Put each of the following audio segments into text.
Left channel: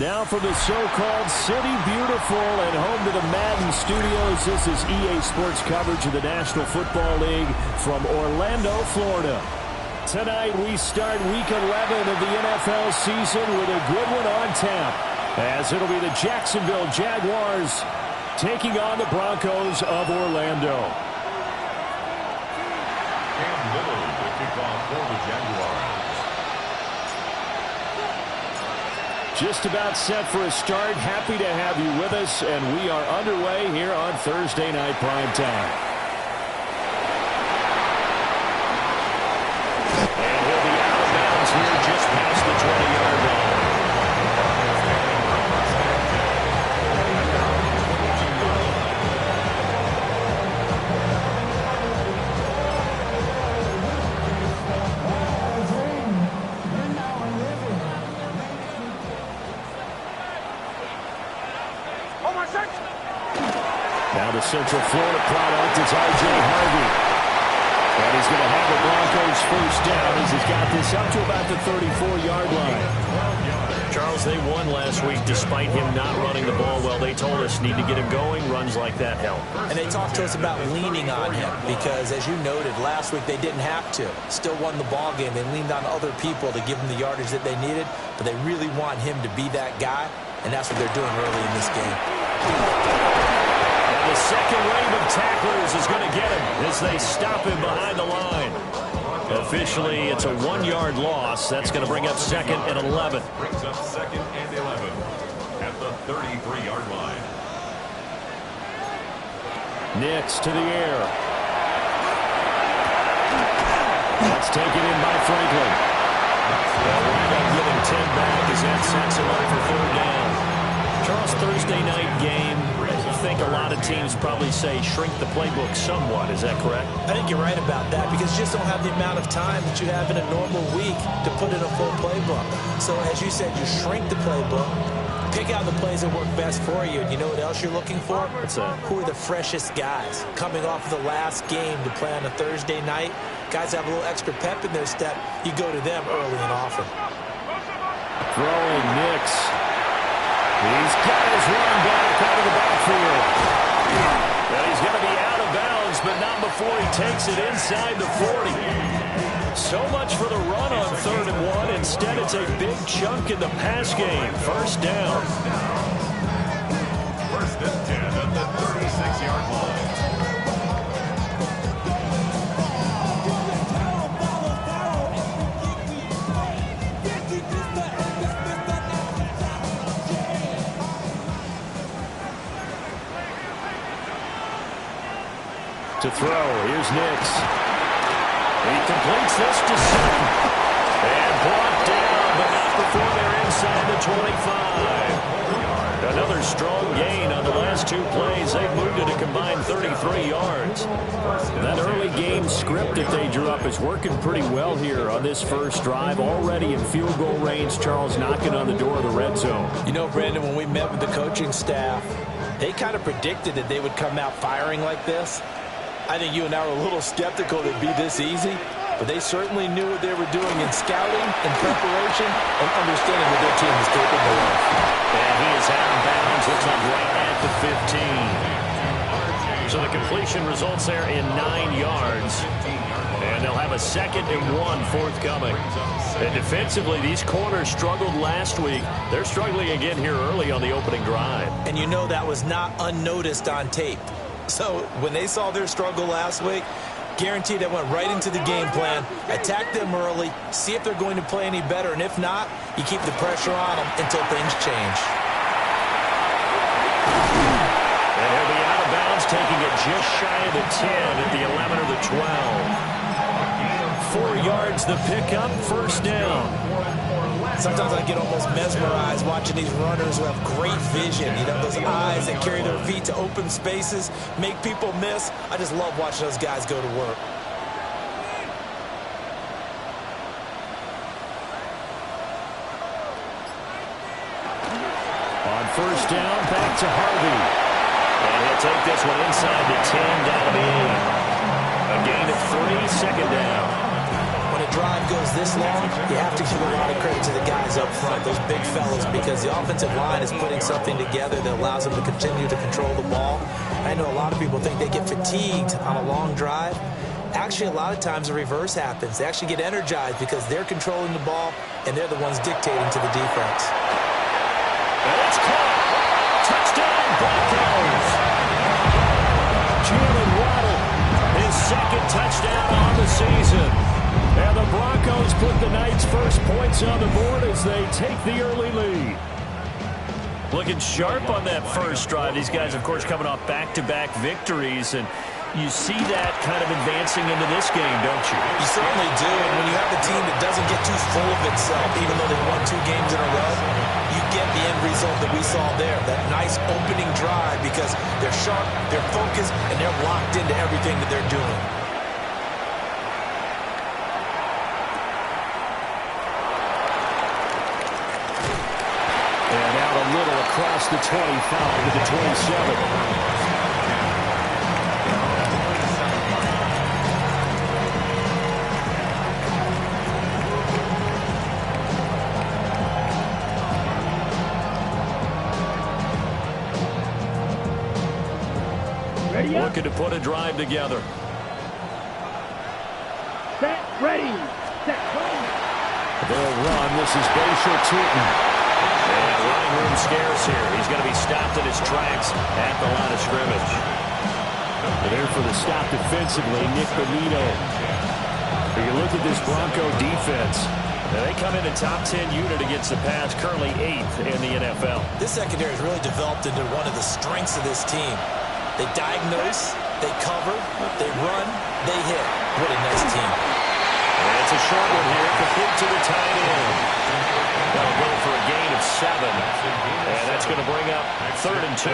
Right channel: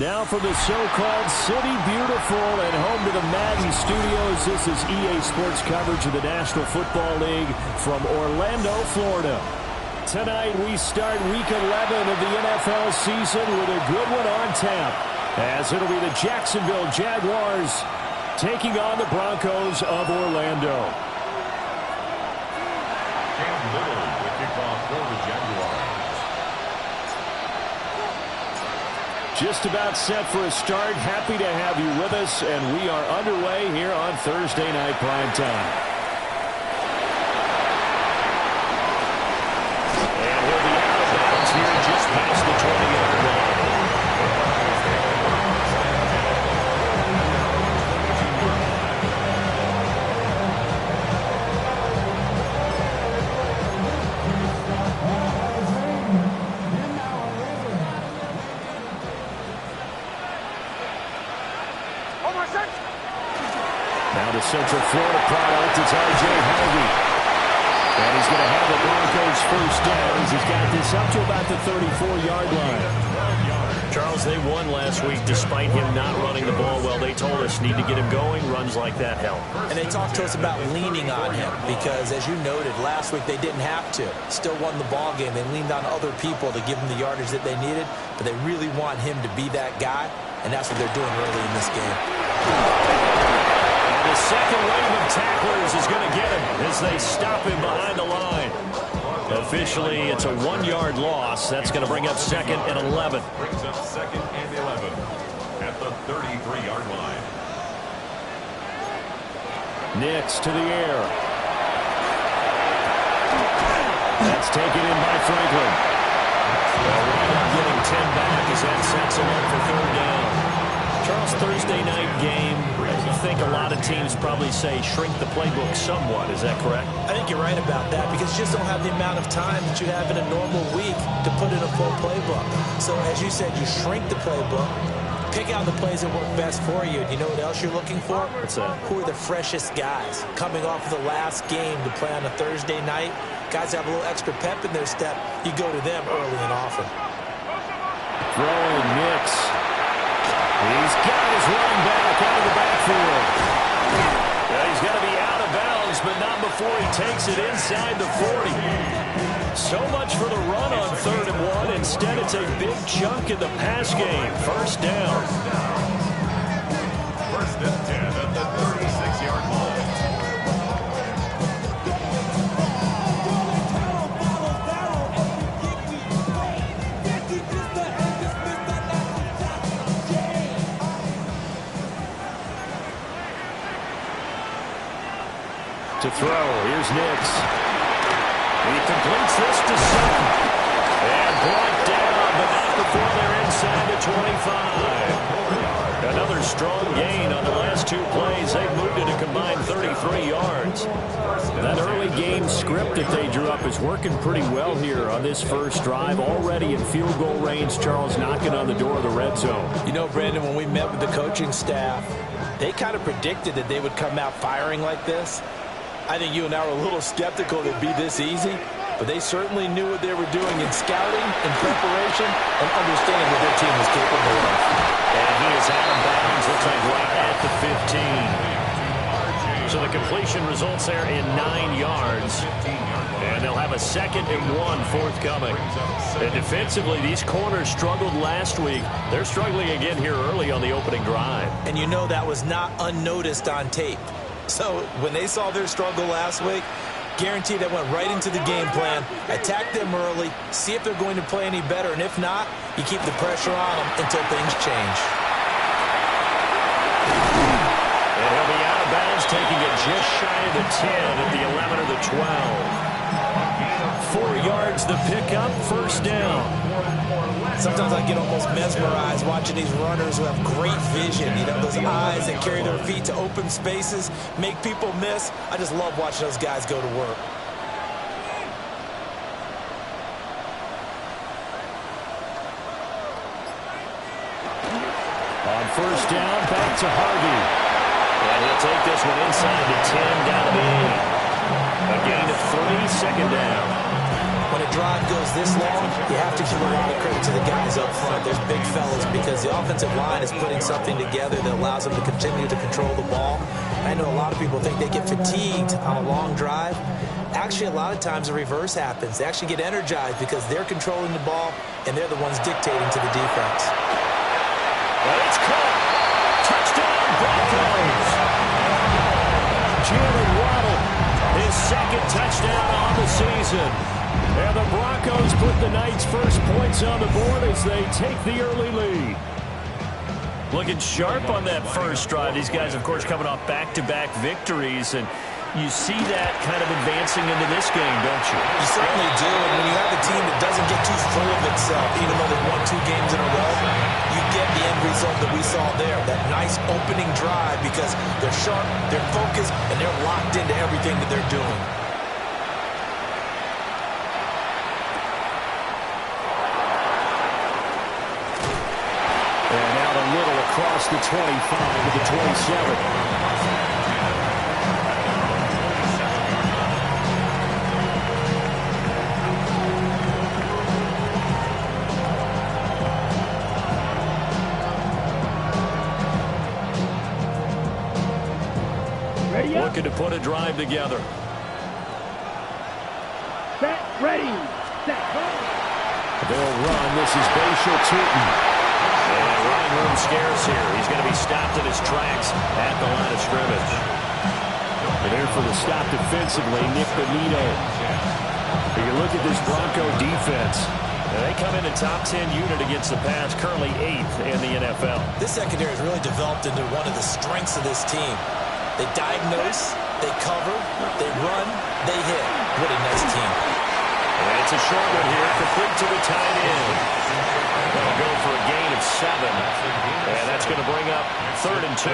Now for the so-called City Beautiful and home to the Madden Studios. This is EA Sports coverage of the National Football League from Orlando, Florida. Tonight we start Week 11 of the NFL season with a good one on tap, as it'll be the Jacksonville Jaguars taking on the Broncos of Orlando. Cam Little, the kickoff for the Jaguars. Just about set for a start. Happy to have you with us, and we are underway here on Thursday Night Primetime. And he'll be out of bounds here just past the 20-yard line. Now the Central Florida product is R.J. Harvey. And he's going to have the Broncos first down as he's got this up to about the 34-yard line. Charles, they won last week despite him not running the ball well. They told us need to get him going. Runs like that help. And they talked to us about leaning on him because, as you noted, last week they didn't have to. Still won the ball game. They leaned on other people to give them the yardage that they needed, but they really want him to be that guy, and that's what they're doing early in this game. The second wave of tacklers is going to get him as they stop him behind the line. Officially, it's a 1-yard loss. That's going to bring up second and 11. Brings up second and 11 at the 33-yard line. Nix to the air. That's taken in by Franklin. They'll wind up getting 10 back as that sets him up for third down. Charles, Thursday night game, I think a lot of teams probably say shrink the playbook somewhat. Is that correct? I think you're right about that because you just don't have the amount of time that you have in a normal week to put in a full playbook. So as you said, you shrink the playbook, pick out the plays that work best for you. And you know what else you're looking for? What's that? Who are the freshest guys coming off of the last game to play on a Thursday night? Guys have a little extra pep in their step. You go to them early and often. Throwing Nix. He's got his running back out of the backfield. Well, he's going to be out of bounds, but not before he takes it inside the 40. So much for the run on 3rd and 1. Instead, it's a big chunk in the pass game. First down. First and 10 at the 36-yard line. To throw, here's Nix. He completes this to Sutton. And brought down, but not before they're inside the 25. Another strong gain on the last 2 plays. They've moved it a combined 33 yards. That early game script that they drew up is working pretty well here on this first drive. Already in field goal range, Charles knocking on the door of the red zone. You know, Brandon, when we met with the coaching staff, they kind of predicted that they would come out firing like this. I think you and I were a little skeptical that it'd be this easy, but they certainly knew what they were doing in scouting, in preparation, and understanding what their team was capable of. And he is out of bounds, looks like right at the 15. So the completion results there in 9 yards. And they'll have a 2nd and 1 forthcoming. And defensively, these corners struggled last week. They're struggling again here early on the opening drive. And you know that was not unnoticed on tape. So when they saw their struggle last week, guaranteed they went right into the game plan, attack them early, see if they're going to play any better, and if not, you keep the pressure on them until things change. And he'll be out of bounds, taking it just shy of the 10 at the 11 or the 12. 4 yards the pickup, first down. Sometimes I get almost mesmerized watching these runners who have great vision. You know, those eyes that carry their feet to open spaces, make people miss. I just love watching those guys go to work. On first down, back to Harvey. And he'll take this one inside the 10, down to the 8. A gain of 3, second down. When a drive goes this long, you have to give a lot of credit to the guys up front, those big fellas, because the offensive line is putting something together that allows them to continue to control the ball. I know a lot of people think they get fatigued on a long drive. Actually, a lot of times the reverse happens. They actually get energized because they're controlling the ball, and they're the ones dictating to the defense. And it's caught. Touchdown, Broncos. Jalen Waddle, his second touchdown on the season. And the Broncos put the night's first points on the board as they take the early lead. Looking sharp on that first drive. These guys, of course, coming off back-to-back victories, and you see that kind of advancing into this game, don't you? You certainly do, and when you have a team that doesn't get too full of itself, even though they've won 2 games in a row, you get the end result that we saw there, that nice opening drive, because they're sharp, they're focused, and they're locked into everything that they're doing. And out a little across the 25 to the 27. Looking to put a drive together. Set, ready, set, go. They'll run. This is Bashal Tootin. And running room scarce here. He's going to be stopped in his tracks at the line of scrimmage. And there for the stop defensively, Nick Bonito. If you look at this Bronco defense, now they come in a top 10 unit against the pass, currently 8th in the NFL. This secondary has really developed into one of the strengths of this team. They diagnose, they cover, they run, they hit. What a nice team. And it's a short one here, complete to the tight end. That'll go for a gain of 7. And that's going to bring up 3rd and 2.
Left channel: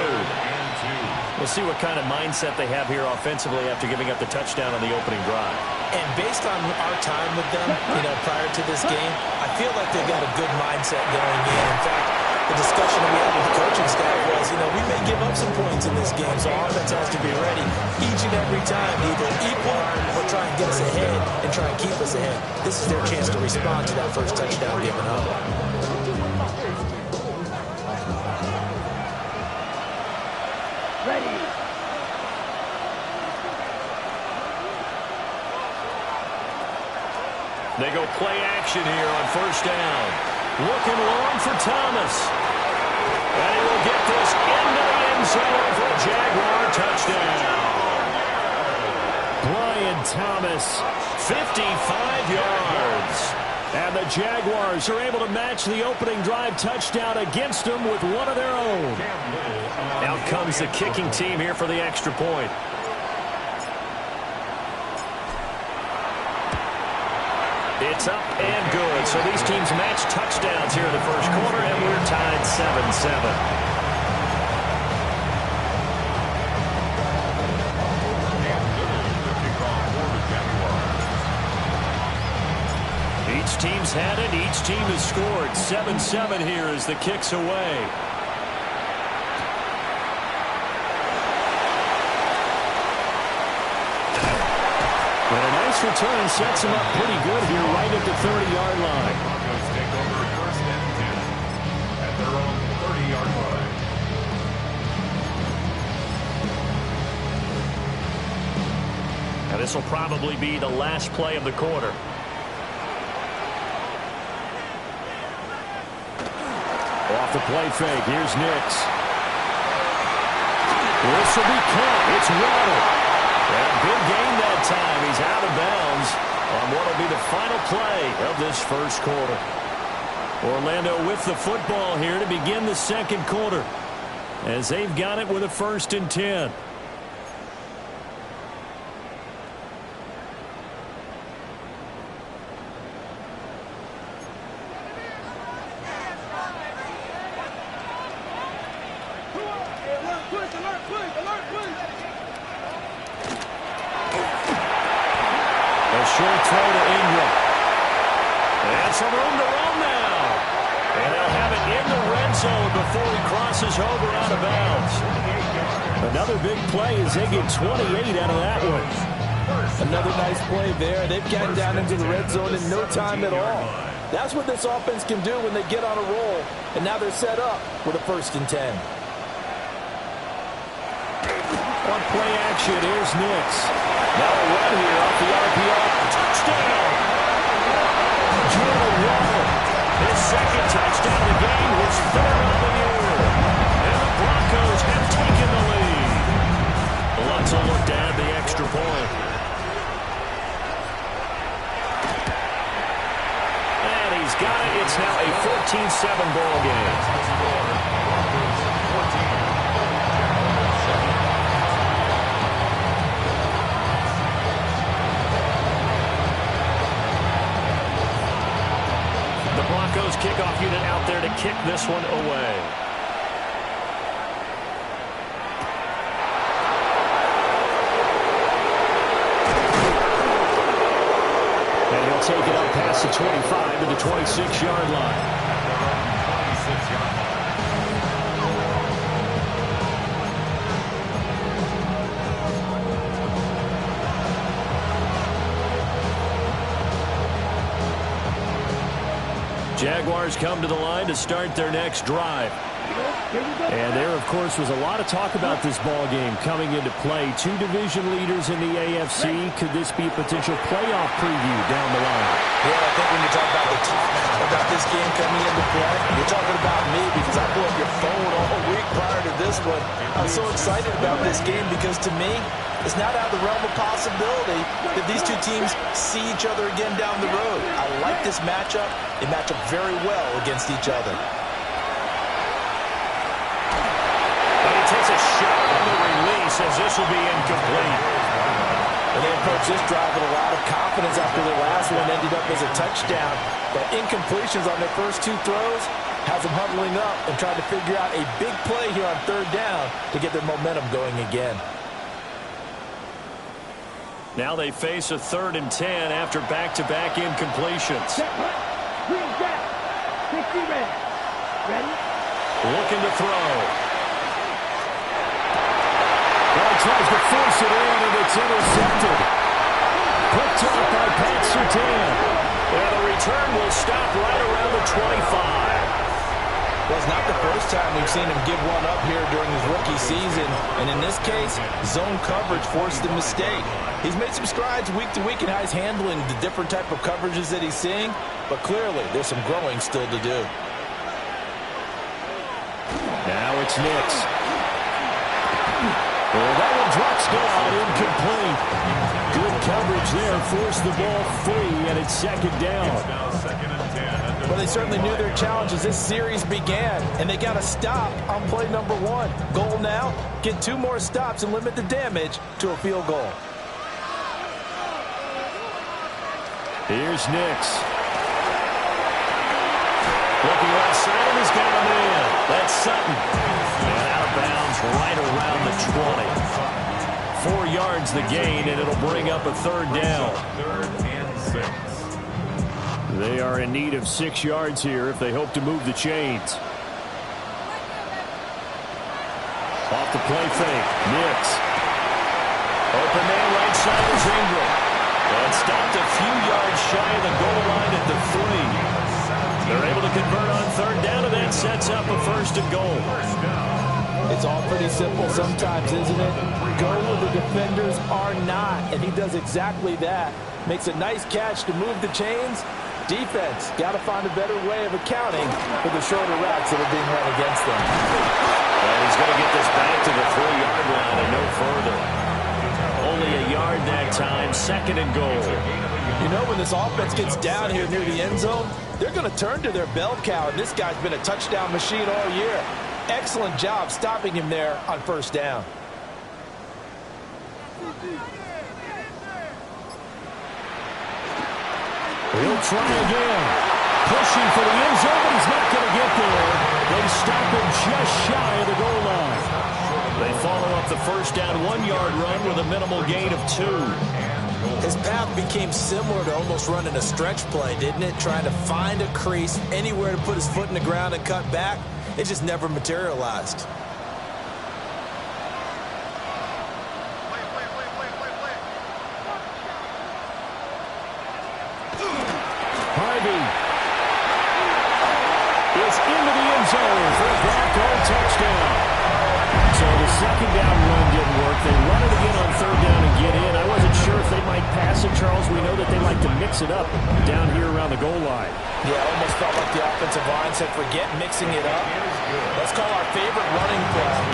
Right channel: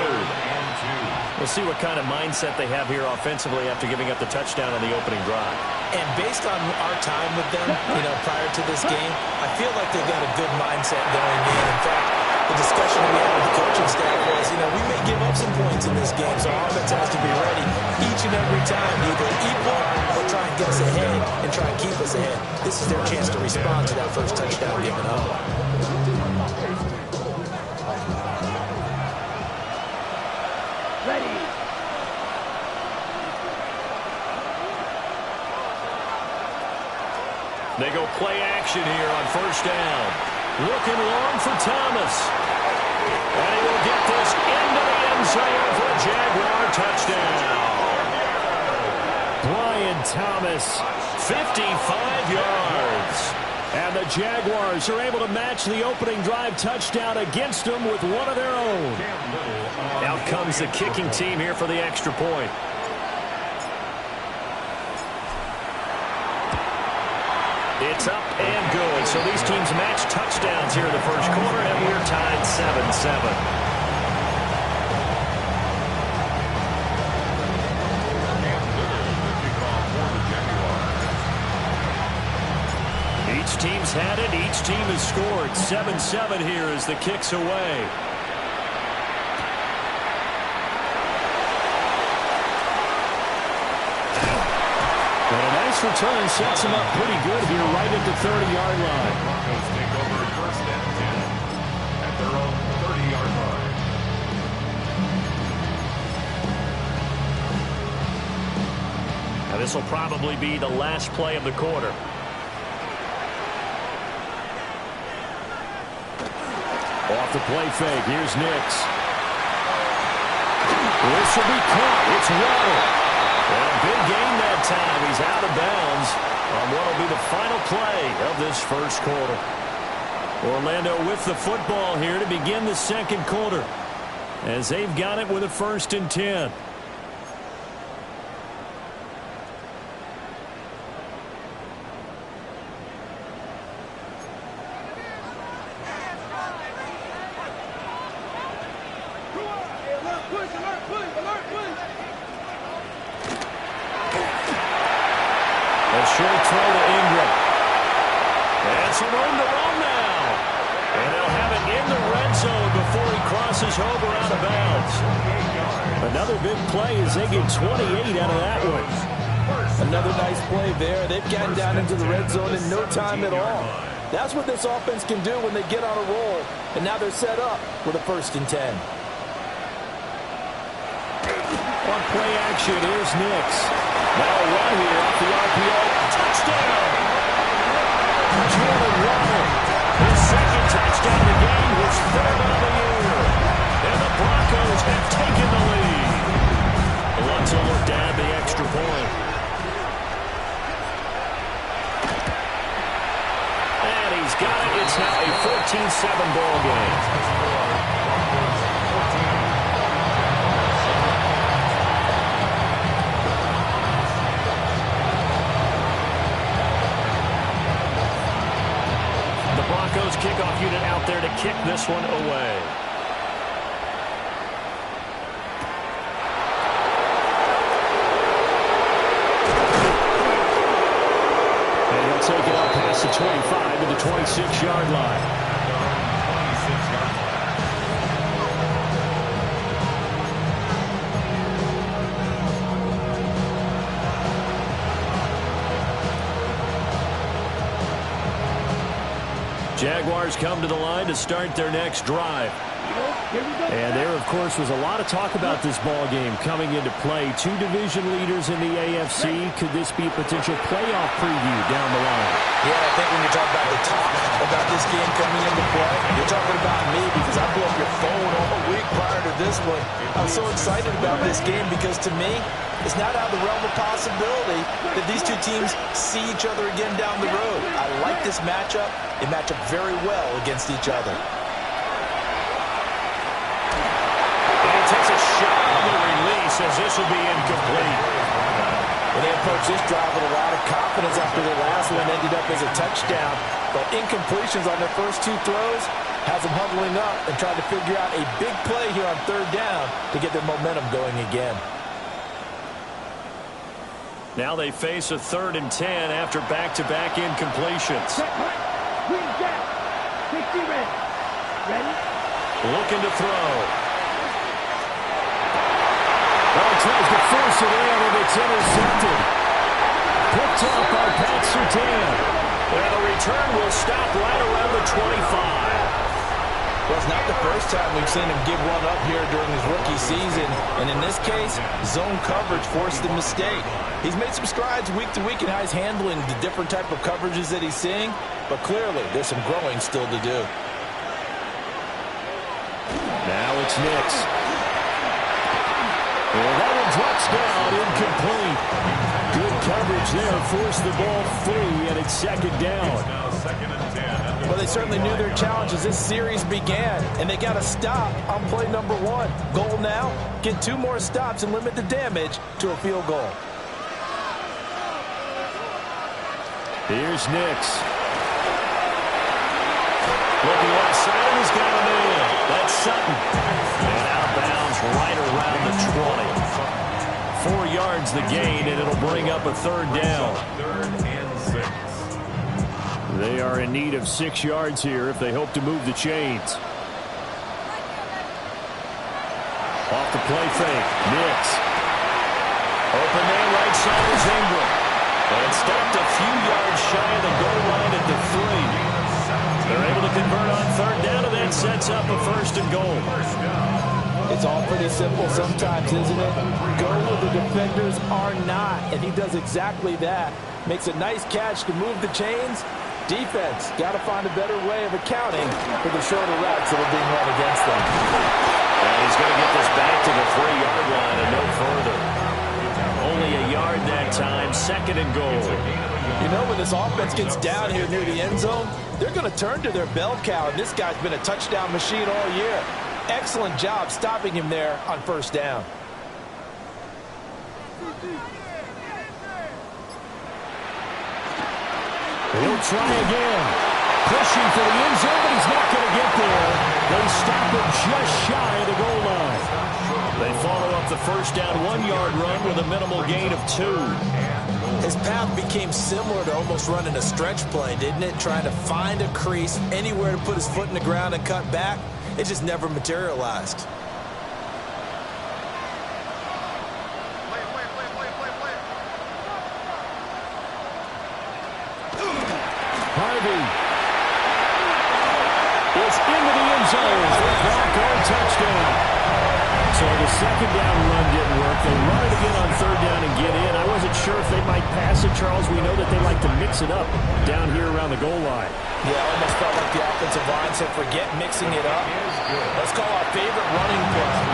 We'll see what kind of mindset they have here offensively after giving up the touchdown on the opening drive. And based on our time with them, prior to this game, I feel like they've got a good mindset going in. In fact, the discussion we had with the coaching staff was, we may give up some points in this game, so our offense has to be ready each and every time to either equal or try and get us ahead and try and keep us ahead. This is their chance to respond to that first touchdown given up. Ready. They go play action here on first down. Looking long for Thomas. And he will get this into the end zone for a Jaguar touchdown. Brian Thomas, 55 yards. And the Jaguars are able to match the opening drive touchdown against them with one of their own. Out comes the kicking team here for the extra point. It's up and good. So these teams match touchdowns here in the first quarter, and we're tied 7-7. Each team's had it. Each team has scored. 7-7 here as the kick's away. But a nice return sets him up pretty good here right at the 30-yard line. Broncos take over 1st and 10 at their own 30-yard line. Now this will probably be the last play of the quarter. Off the play fake. Here's Nix. This will be caught. It's Waddle. And a big gain that time. He's out of bounds on what will be the final play of this first quarter. Orlando with the football here to begin the second quarter as they've got it with a 1st and 10. A short throw to Ingram. And some room to run now. And they'll have it in the red zone before he crosses over out of bounds. Another big play as they get 28 out of that one. Another nice play there. They've gotten down into the red zone in no time at all. That's what this offense can do when they get on a roll. And now they're set up with a 1st and 10. On play action, here's Nix. Now a run here off the RPO. Touchdown! Jalen Waddle. His 2nd touchdown of the game, his 3rd of the year. And the Broncos have taken the lead. Let's look to add the extra point. And he's got it. It's now a 14-7 ball game. Broncos 14. The Broncos kickoff unit out there to kick this one away. And he'll take it up past the 25 to the 26-yard line. At their own 26-yard line. Jaguars come to the line to start their next drive. And there, of course, was a lot of talk about this ball game coming into play. 2 division leaders in the AFC. Could this be a potential playoff preview down the line? Yeah, I think when you talk about the talk about this game coming into play, you're talking about me because I blew up your phone all week prior to this one. I'm so excited about this game because to me, it's not out of the realm of possibility that these two teams see each other again down the road. I like this matchup. They match up very well against each other. And he takes a shot on the release as this will be incomplete. And they approach this drive with a lot of confidence after their last one ended up as a touchdown. But incompletions on their first 2 throws has them huddling up and trying to figure out a big play here on 3rd down to get their momentum going again. Now they face a 3rd and 10 after back-to-back incompletions. Set punt. Green down. 60 red. Ready? Looking to throw. Well, he tries to force it in, and it's intercepted. Picked off by Pat Surtain. And the return will stop right around the 25. Well, it's not the first time we've seen him give one up here during his rookie season. And in this case, zone coverage forced the mistake. He's made some strides week to week in how he's handling the different type of coverages that he's seeing. But clearly, there's some growing still to do. Now it's Nix. And that one drops down, incomplete. Good coverage there, forced the ball free, and it's 2nd down. It's now 2nd and 10. Well, they certainly knew their challenge as this series began, and they got to stop on play number 1. Goal now, get 2 more stops and limit the damage to a field goal. Here's Nix. Looking left side, and he's got him in. That's Sutton. And out of bounds right around the 20. 4 yards the gain, and it'll bring up a 3rd down. 3rd and 6. They are in need of 6 yards here if they hope to move the chains. Off the play fake. Nix. Open man right side is Ingram. And stopped a few yards shy of the goal line at the 3. They're able to convert on 3rd down, and that sets up a 1st and goal. It's all pretty simple sometimes, isn't it? Go where the defenders are not, and he does exactly that. Makes a nice catch to move the chains. Defense got to find a better way of accounting for the shorter routes that are being run against them. And he's going to get this back to the 3-yard line and no further. Only a yard that time, 2nd and goal. You know, when this offense gets down here near the end zone, they're going to turn to their bell cow, and this guy's been a touchdown machine all year. Excellent job stopping him there on 1st down. He'll try again. Pushing for the end zone, but he's not going to get there. They stop him just shy of the goal line. They follow up the 1st down 1-yard run with a minimal gain of 2. His path became similar to almost running a stretch play, didn't it? Trying to find a crease, anywhere to put his foot in the ground and cut back. It just never materialized. Harvey is into the end zone for a Bronco touchdown. So the second down run didn't work. They run it again on third down and get in. I wasn't sure if they might pass it, Charles. We know that they like to mix it up down here around the goal line. Yeah, almost felt like the offensive line said, forget mixing it up. Let's call our favorite running play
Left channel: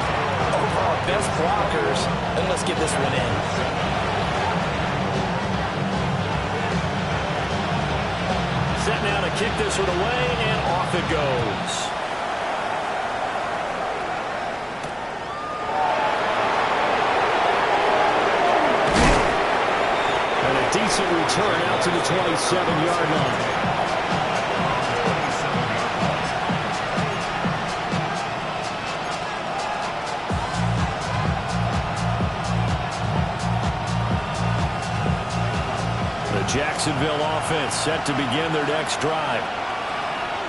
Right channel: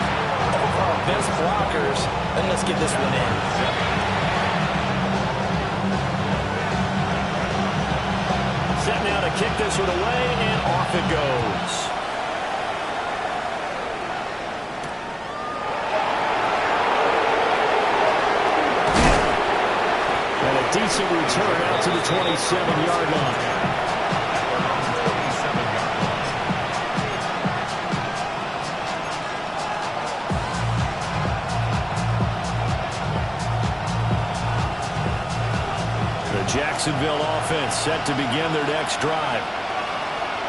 over our best blockers, and let's get this one in. Set now to kick this one away, and off it goes. And a decent return out to the 27-yard line. The Jacksonville offense set to begin their next drive.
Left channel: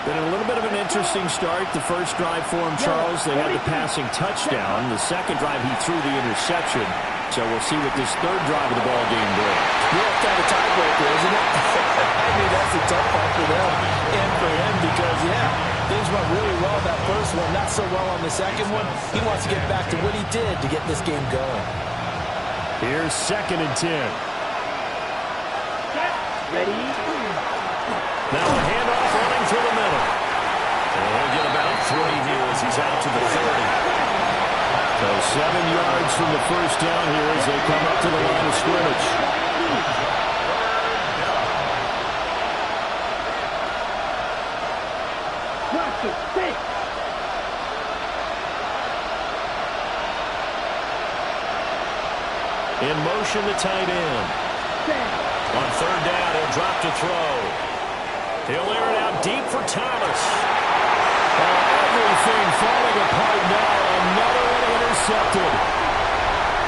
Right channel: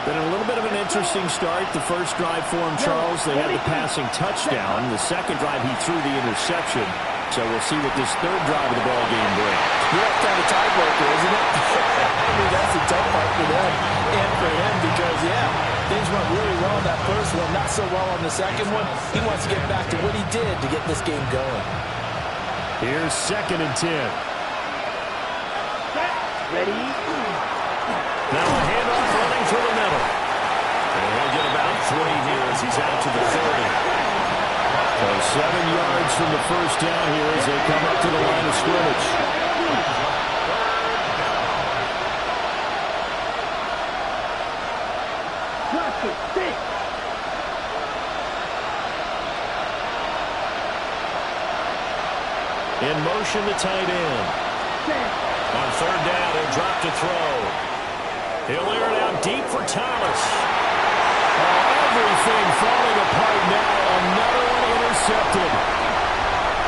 Been a little bit of an interesting start. The first drive for him, Charles, they had the passing touchdown. The second drive, he threw the interception. So we'll see what this third drive of the ball game brings. Yeah, it's kind of a tiebreaker, isn't it? I mean, that's a tough part for them and for him because, yeah, things went really well in that first one, not so well on the second one. He wants to get back to what he did to get this game going. Here's 2nd and 10. Ready? Now a handoff running through the middle. And he'll get about 3 here as he's out to the 30. So 7 yards from the first down here as they come up to the line of scrimmage. In motion, the tight end. On third down, he'll drop to throw. He'll air it out deep for Thomas. Oh, everything falling apart now. Another one intercepted.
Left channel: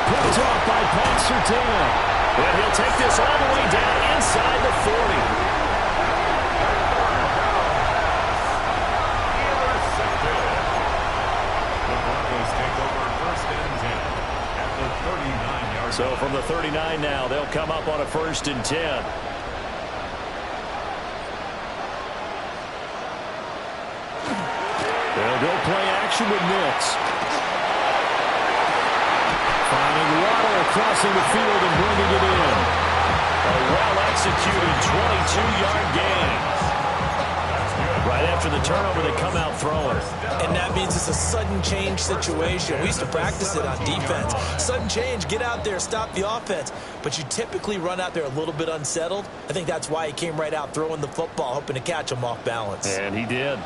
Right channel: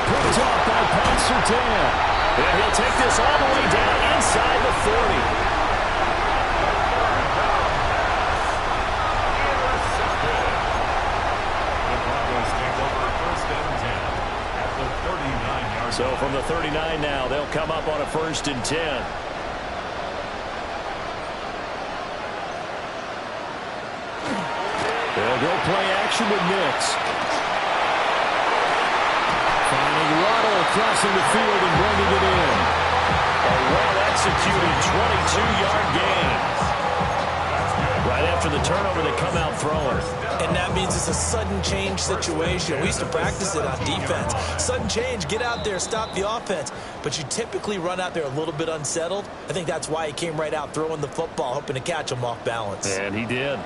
Picked off by Pat Surtain. And he'll take this all the way down inside the 40. Intercepted. The Broncos take over 1st and 10 at the 39-yard line. So from the 39 now, they'll come up on a 1st and 10. They'll go play action with Nix. Finding Waddle crossing the field and bringing it in. A well-executed 22-yard gain. Right after the turnover, they come out throwing. And that means it's a sudden change situation. We used to practice it on defense. Sudden change, get out there, stop the offense. But you typically run out there a little bit unsettled. I think that's why he came right out throwing the football, hoping to catch him off balance. And he did.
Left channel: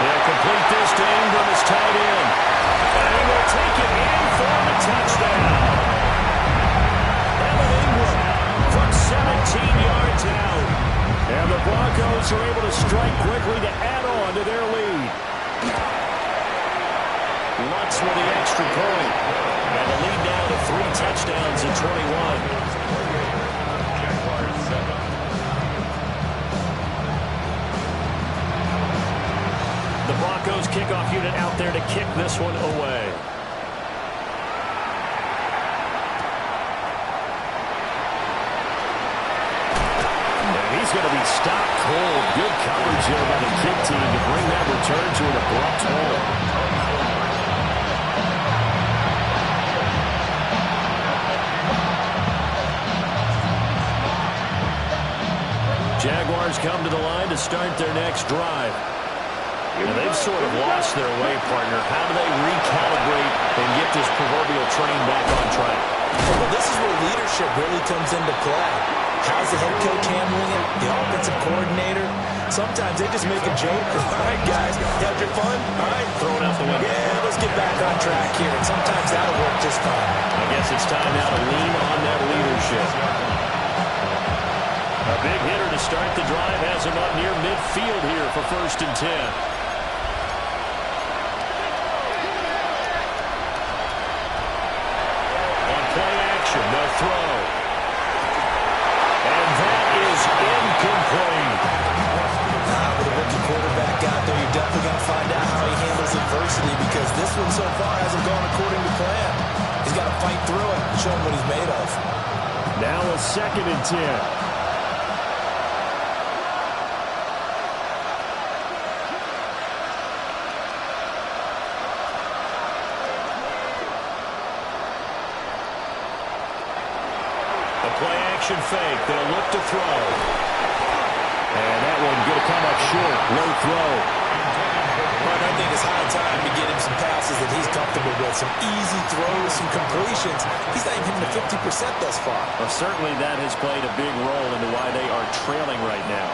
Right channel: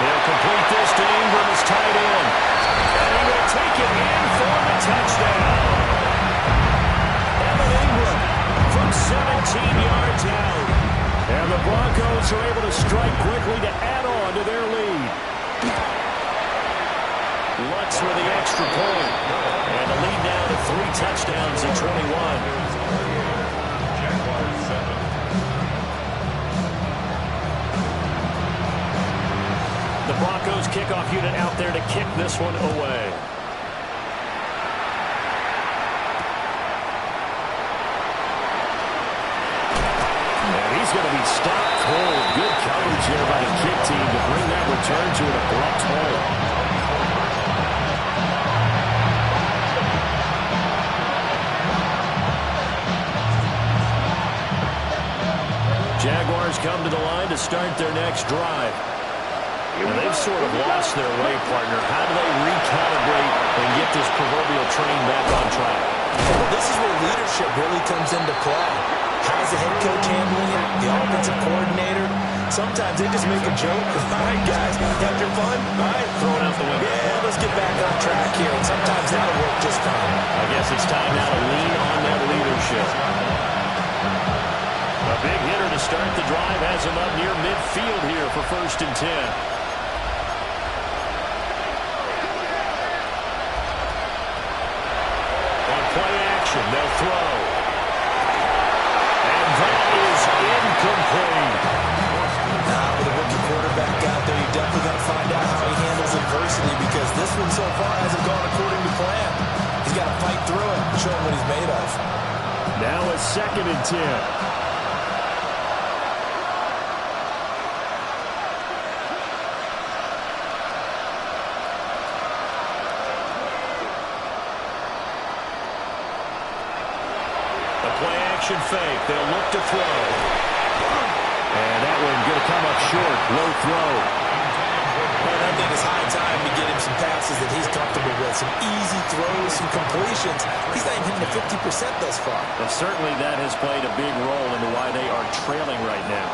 He'll complete this to Ingram as tight end. And he will take it in for the touchdown. Evan Ingram from 17 yards out. And the Broncos are able to strike quickly to add on to their lead. Lutz with the extra point. And the lead now to 3 touchdowns at 21. Jaguars 7. The Broncos kickoff unit out there to kick this one away. And he's going to be stopped cold. Good coverage there by the kick team to bring that return to an abrupt halt. Jaguars come to the line to start their next drive. And they've sort of lost their way, partner. How do they recalibrate and get this proverbial train back on track? Well, this is where leadership really comes into play. How's the head coach handling it? The offensive coordinator? Sometimes they just make a joke. All right, guys, you had your fun? All right. Throw it out the window. Yeah, let's get back on track here. And sometimes that'll work just fine. I guess it's time now to lean on that leadership. A big hitter to start the drive has him up near midfield here for 1st and 10. Play action, they'll throw. And that is incomplete. With a rookie quarterback out there, you're definitely going to find out how he handles adversity. adversity because this one so far hasn't gone according to plan. He's got to fight through it and show him what he's made of. Now a 2nd and 10. A play-action fake. They'll look to throw. And that one going to come up short. Low throw. But I think it's high time to get him some passes that he's comfortable with. Some easy throws, some completions. He's not even hitting the 50% thus far. Well, certainly that has played a big role into why they are trailing right now.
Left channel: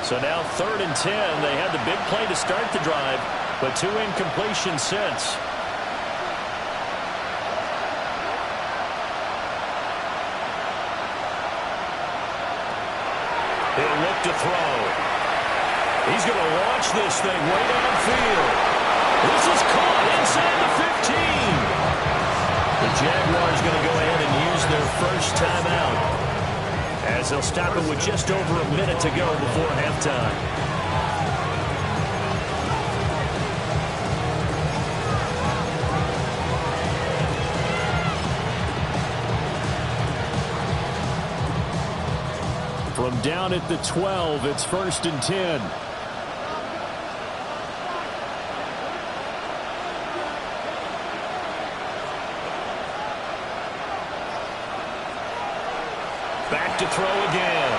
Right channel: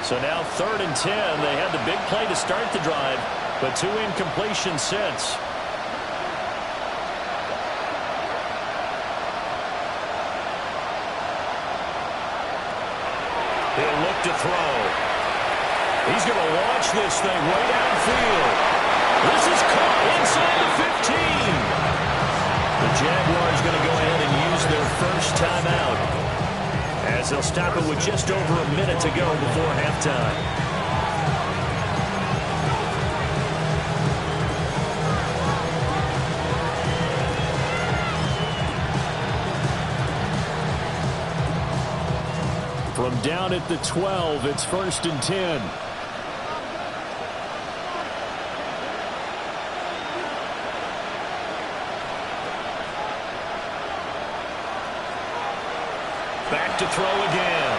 So now 3rd and 10. They had the big play to start the drive, but 2 incompletions since. He'll look to throw. He's going to launch this thing way downfield. This is caught inside the 15. The Jaguars going to go ahead and use their first timeout, as they'll stop it with just over a minute to go before halftime. From down at the 12, it's 1st and 10. Back to throw again.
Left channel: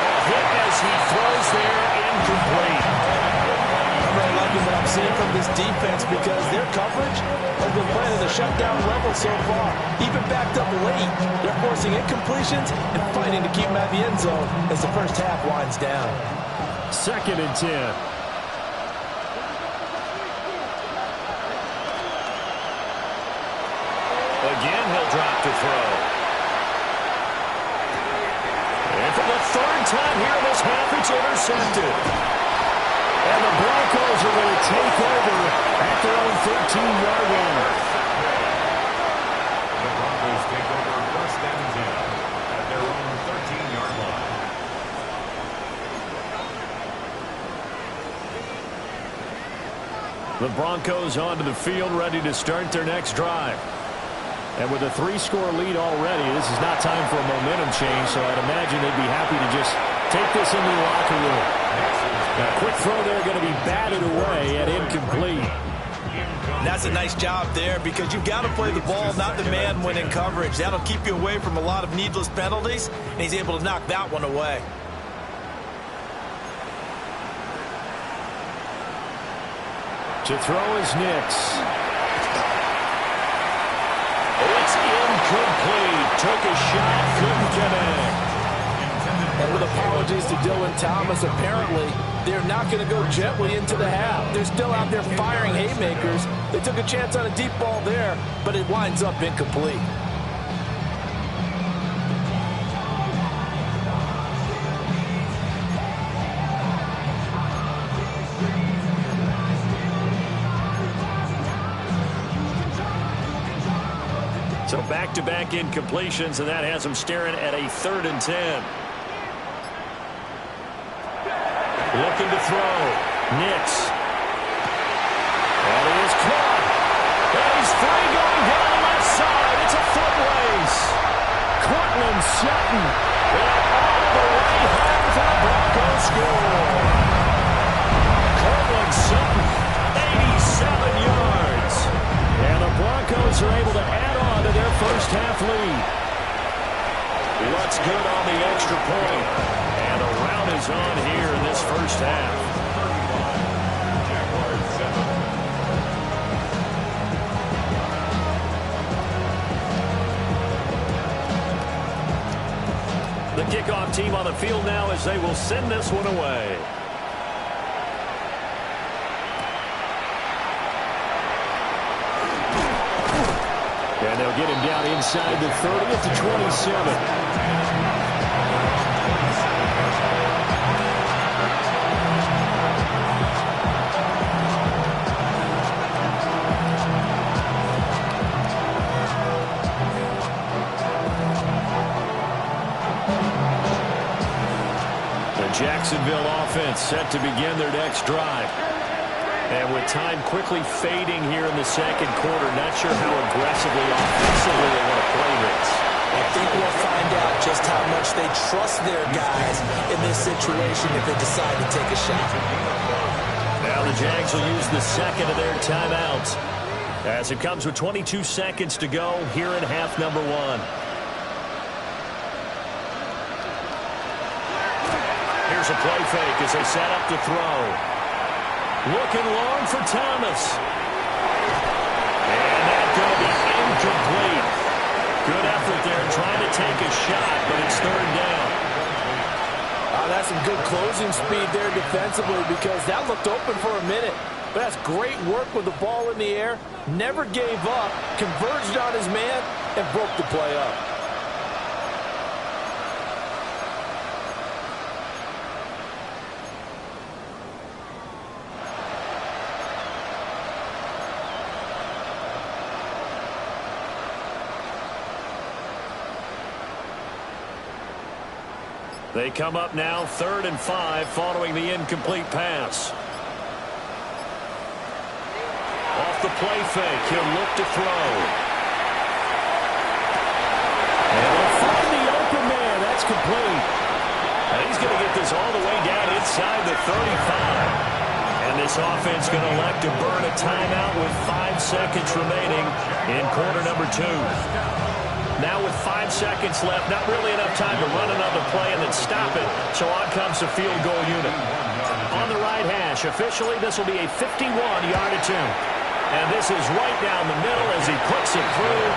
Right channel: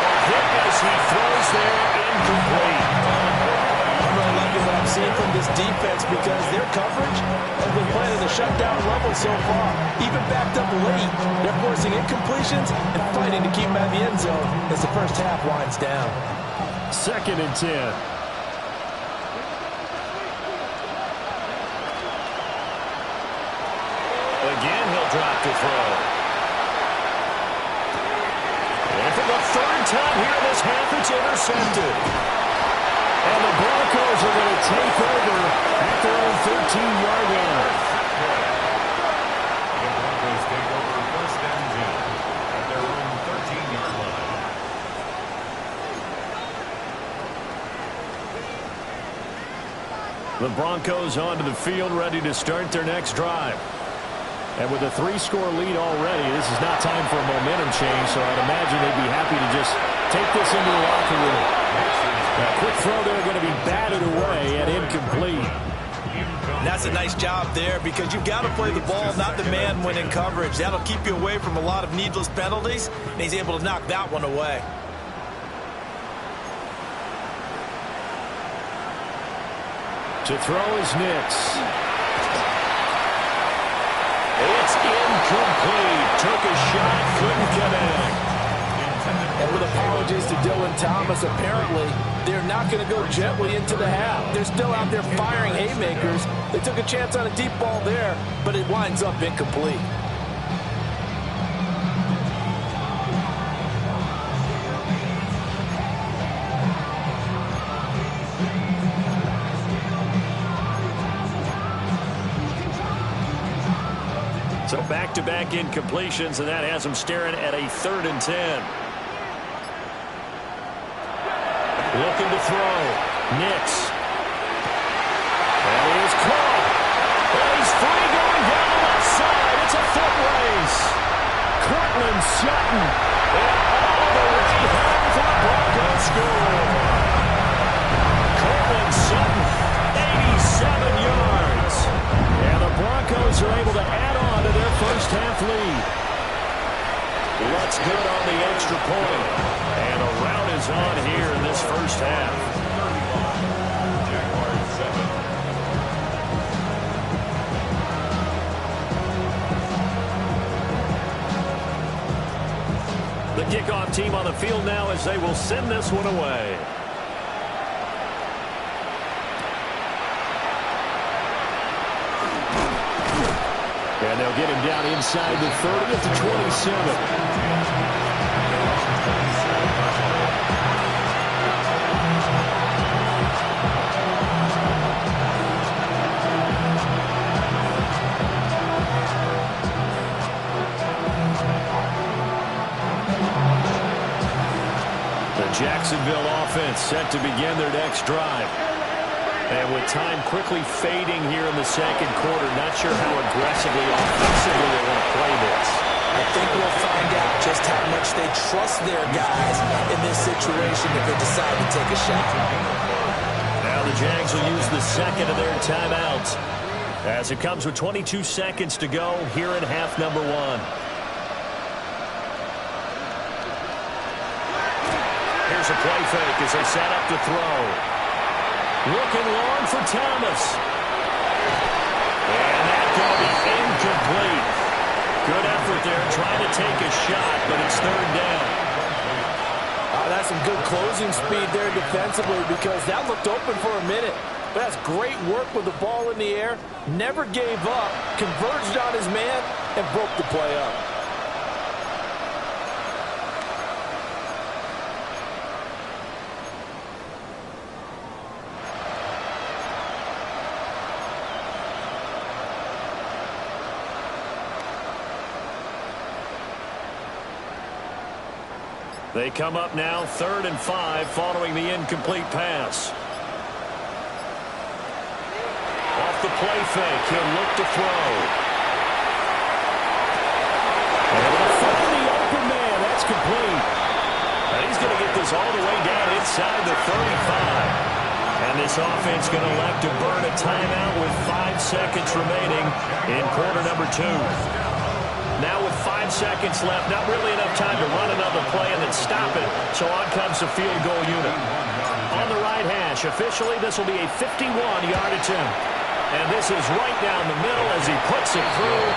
A hit as he throws there, incomplete. I'm really liking what I'm seeing from this defense because their coverage has been playing at the shutdown level so far. Even backed up late, they're forcing incompletions and fighting to keep them out of the end zone as the first half winds down. 2nd and 10. Again, he'll drop to throw. And for the 3rd time here in this half, it's intercepted. And the Broncos are going to take over at their own 13-yard line. The Broncos take over 1st and 10 at their own 13-yard line. The Broncos onto the field, ready to start their next drive. And with a 3-score lead already, this is not time for a momentum change, so I'd imagine they'd be happy to just take this into the locker room. Now, a quick throw there going to be batted away and incomplete. And that's a nice job there because you've got to play the ball, not the man when in coverage. That'll keep you away from a lot of needless penalties, and he's able to knock that one away. To throw is Nix. It's incomplete. Took a shot, couldn't connect. And with apologies to Dylan Thomas, apparently they're not going to go gently into the half. They're still out there firing haymakers. They took a chance on a deep ball there, but it winds up incomplete. So back-to-back incompletions, and that has them staring at a 3rd and 10. Looking to throw. Nix. That is caught. And he's free going down the left side. It's a foot race. Cortland Sutton. And all the way home for the Broncos score. Cortland Sutton, 87 yards. And the Broncos are able to add on to their first half lead. What's good on the extra point? And a rout is on here in this first half. 35, Jaguars 7. The kickoff team on the field now as they will send this one away. And they'll get him down inside the 30 at the 27. The Jacksonville offense set to begin their next drive. And with time quickly fading here in the second quarter, not sure how aggressively, offensively they want to play this. I think we'll find out just how much they trust their guys in this situation if they decide to take a shot. Now the Jags will use the second of their timeouts as it comes with 22 seconds to go here in half number one. Here's a play fake as they set up to throw. Looking long for Thomas. And that's going to be incomplete. Good effort there trying to take a shot, but it's third down. That's some good closing speed there defensively because that looked open for a minute. But that's great work with the ball in the air. Never gave up, converged on his man, and broke the play up. They come up now 3rd and 5 following the incomplete pass. Off the play fake, he'll look to throw. And able to find the open man. That's complete. And he's going to get this all the way down inside the 35. And this offense going to elect to burn a timeout with 5 seconds remaining in quarter number 2. Now with 5 seconds left, not really enough time to run another play and then stop it. So on comes the field goal unit. On the right hash, officially this will be a 51-yard attempt. And this is right down the middle as he puts it through.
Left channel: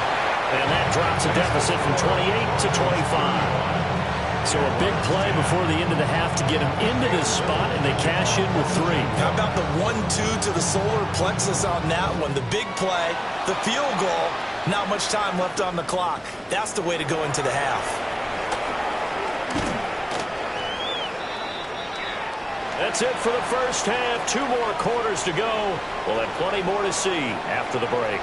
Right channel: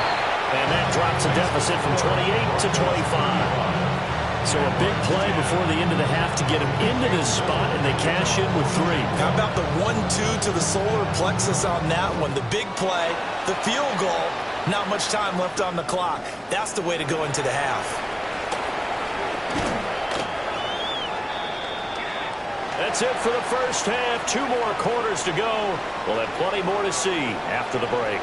And that drops a deficit from 28 to 25. So a big play before the end of the half to get him into this spot, and they cash in with 3. How about the 1-2 to the solar plexus on that one? The big play, the field goal. Not much time left on the clock. That's the way to go into the half. That's it for the first half. 2 more quarters to go. We'll have plenty more to see after the break.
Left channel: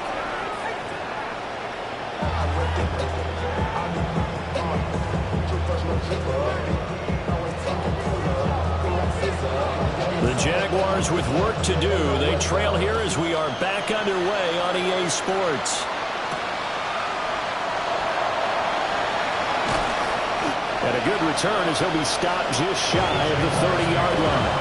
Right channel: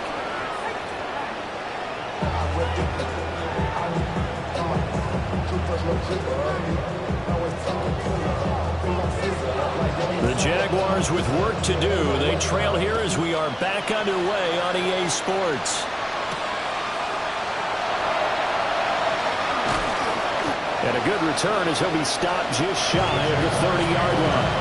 The Jaguars with work to do. They trail here as we are back underway on EA Sports. And a good return as he'll be stopped just shy of the 30-yard line.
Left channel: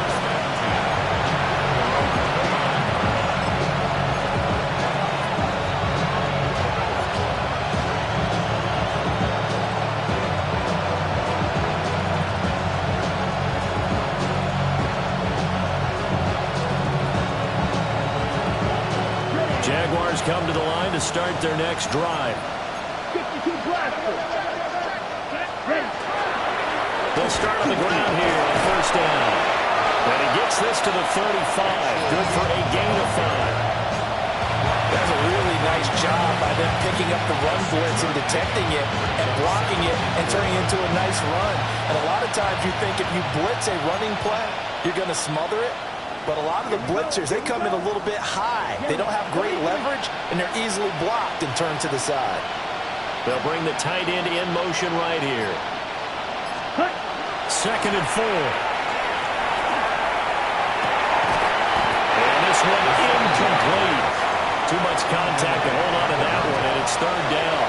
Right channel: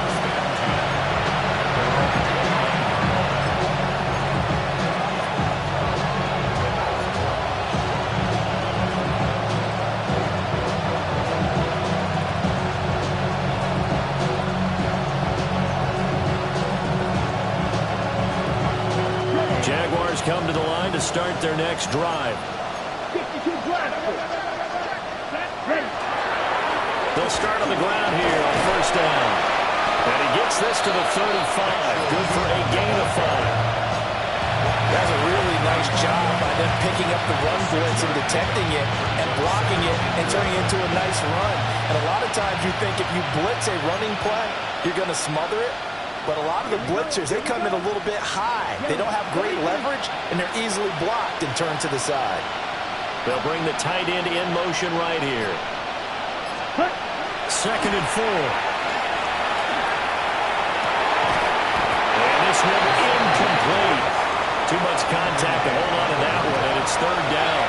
Jaguars come to the line to start their next drive. 52 blasters. Ready. They'll start on the ground here on first down. And he gets this to the 35. Good for a gain of 5. That's a really nice job by them picking up the run blitz and detecting it and blocking it and turning it into a nice run. And a lot of times you think if you blitz a running play, you're going to smother it. But a lot of the blitzers, they come in a little bit high. They don't have great leverage, and they're easily blocked and turned to the side. They'll bring the tight end in motion right here. 2nd and 4. And this one incomplete. Too much contact to hold on to that one, and it's 3rd down.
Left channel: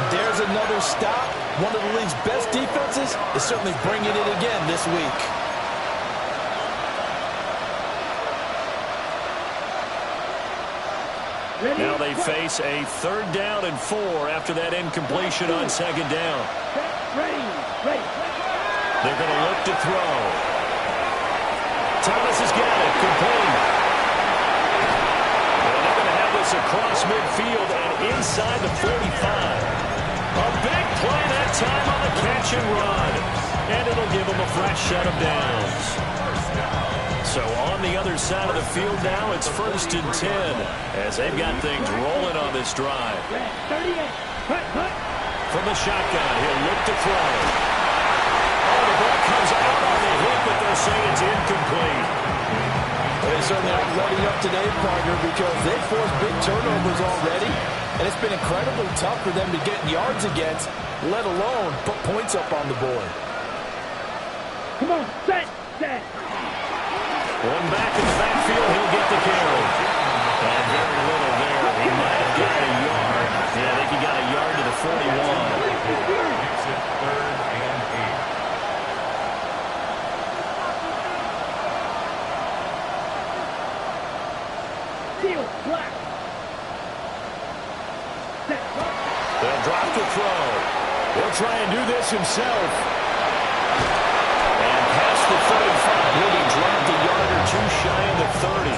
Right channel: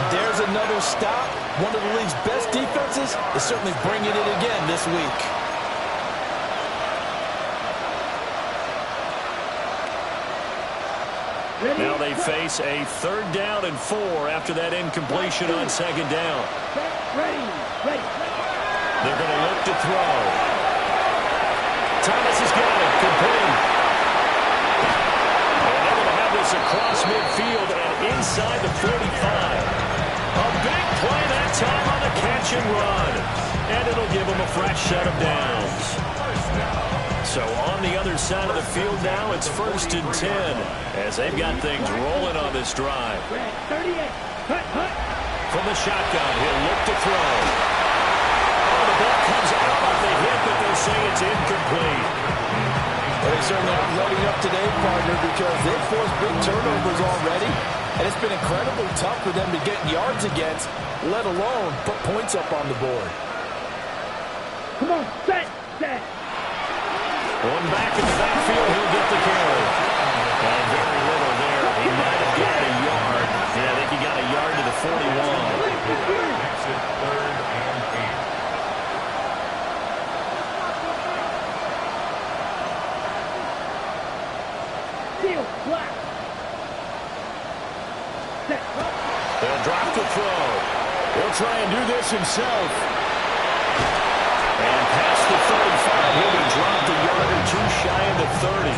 And there's another stop. One of the league's best defenses is certainly bringing it again this week. Now they face a 3rd down and 4 after that incompletion on 2nd down. Ready. They're going to look to throw. Thomas has got it. Complete. And they're going to have this across midfield and inside the 45. A big play that time on the catch and run. And it'll give them a fresh set of downs. So on the other side of the field now, it's 1st and 10 as they've got things rolling on this drive. 38. From the shotgun, he'll look to throw. Oh, the ball comes out on the hit, but they'll say it's incomplete. Well, they certainly aren't letting up today, partner, because they've forced big turnovers already, and it's been incredibly tough for them to get yards against, let alone put points up on the board. Come on, set. One back in the backfield, he'll get the carry. And very little there. He might have got a yard. Yeah, I think he got a yard to the 41. Makes it 3rd and 8. Seal, black. Set. They'll drop the throw. He'll try and do this himself. And past the 35, he'll be dropped a yard or two shy of the 30.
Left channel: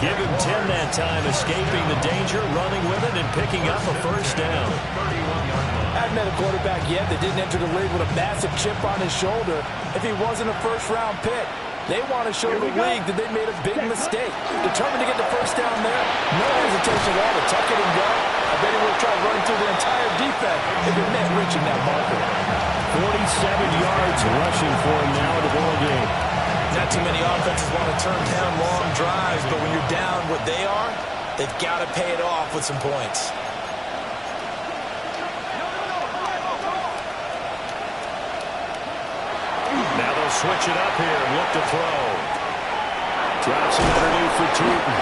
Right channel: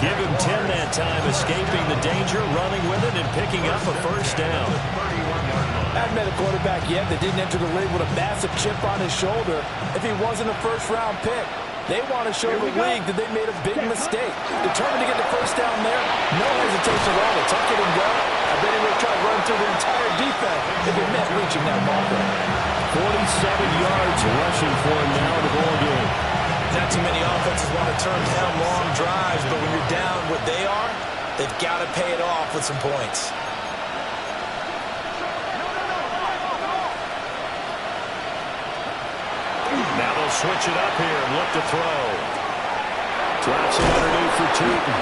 Give him 10 that time, escaping the danger, running with it, and picking up a first down. I haven't met a quarterback yet that didn't enter the league with a massive chip on his shoulder if he wasn't a first-round pick. They want to show the league that they made a big mistake. Determined to get the first down there, no hesitation at all to tuck it and go. I bet he would have tried running through the entire defense if it meant reaching that marker. 47 yards rushing for him now in the ball game. Not too many offenses want to turn down long drives, but when you're down what they are, they've got to pay it off with some points. Now they'll switch it up here and look to throw. Drops it underneath for Tootin.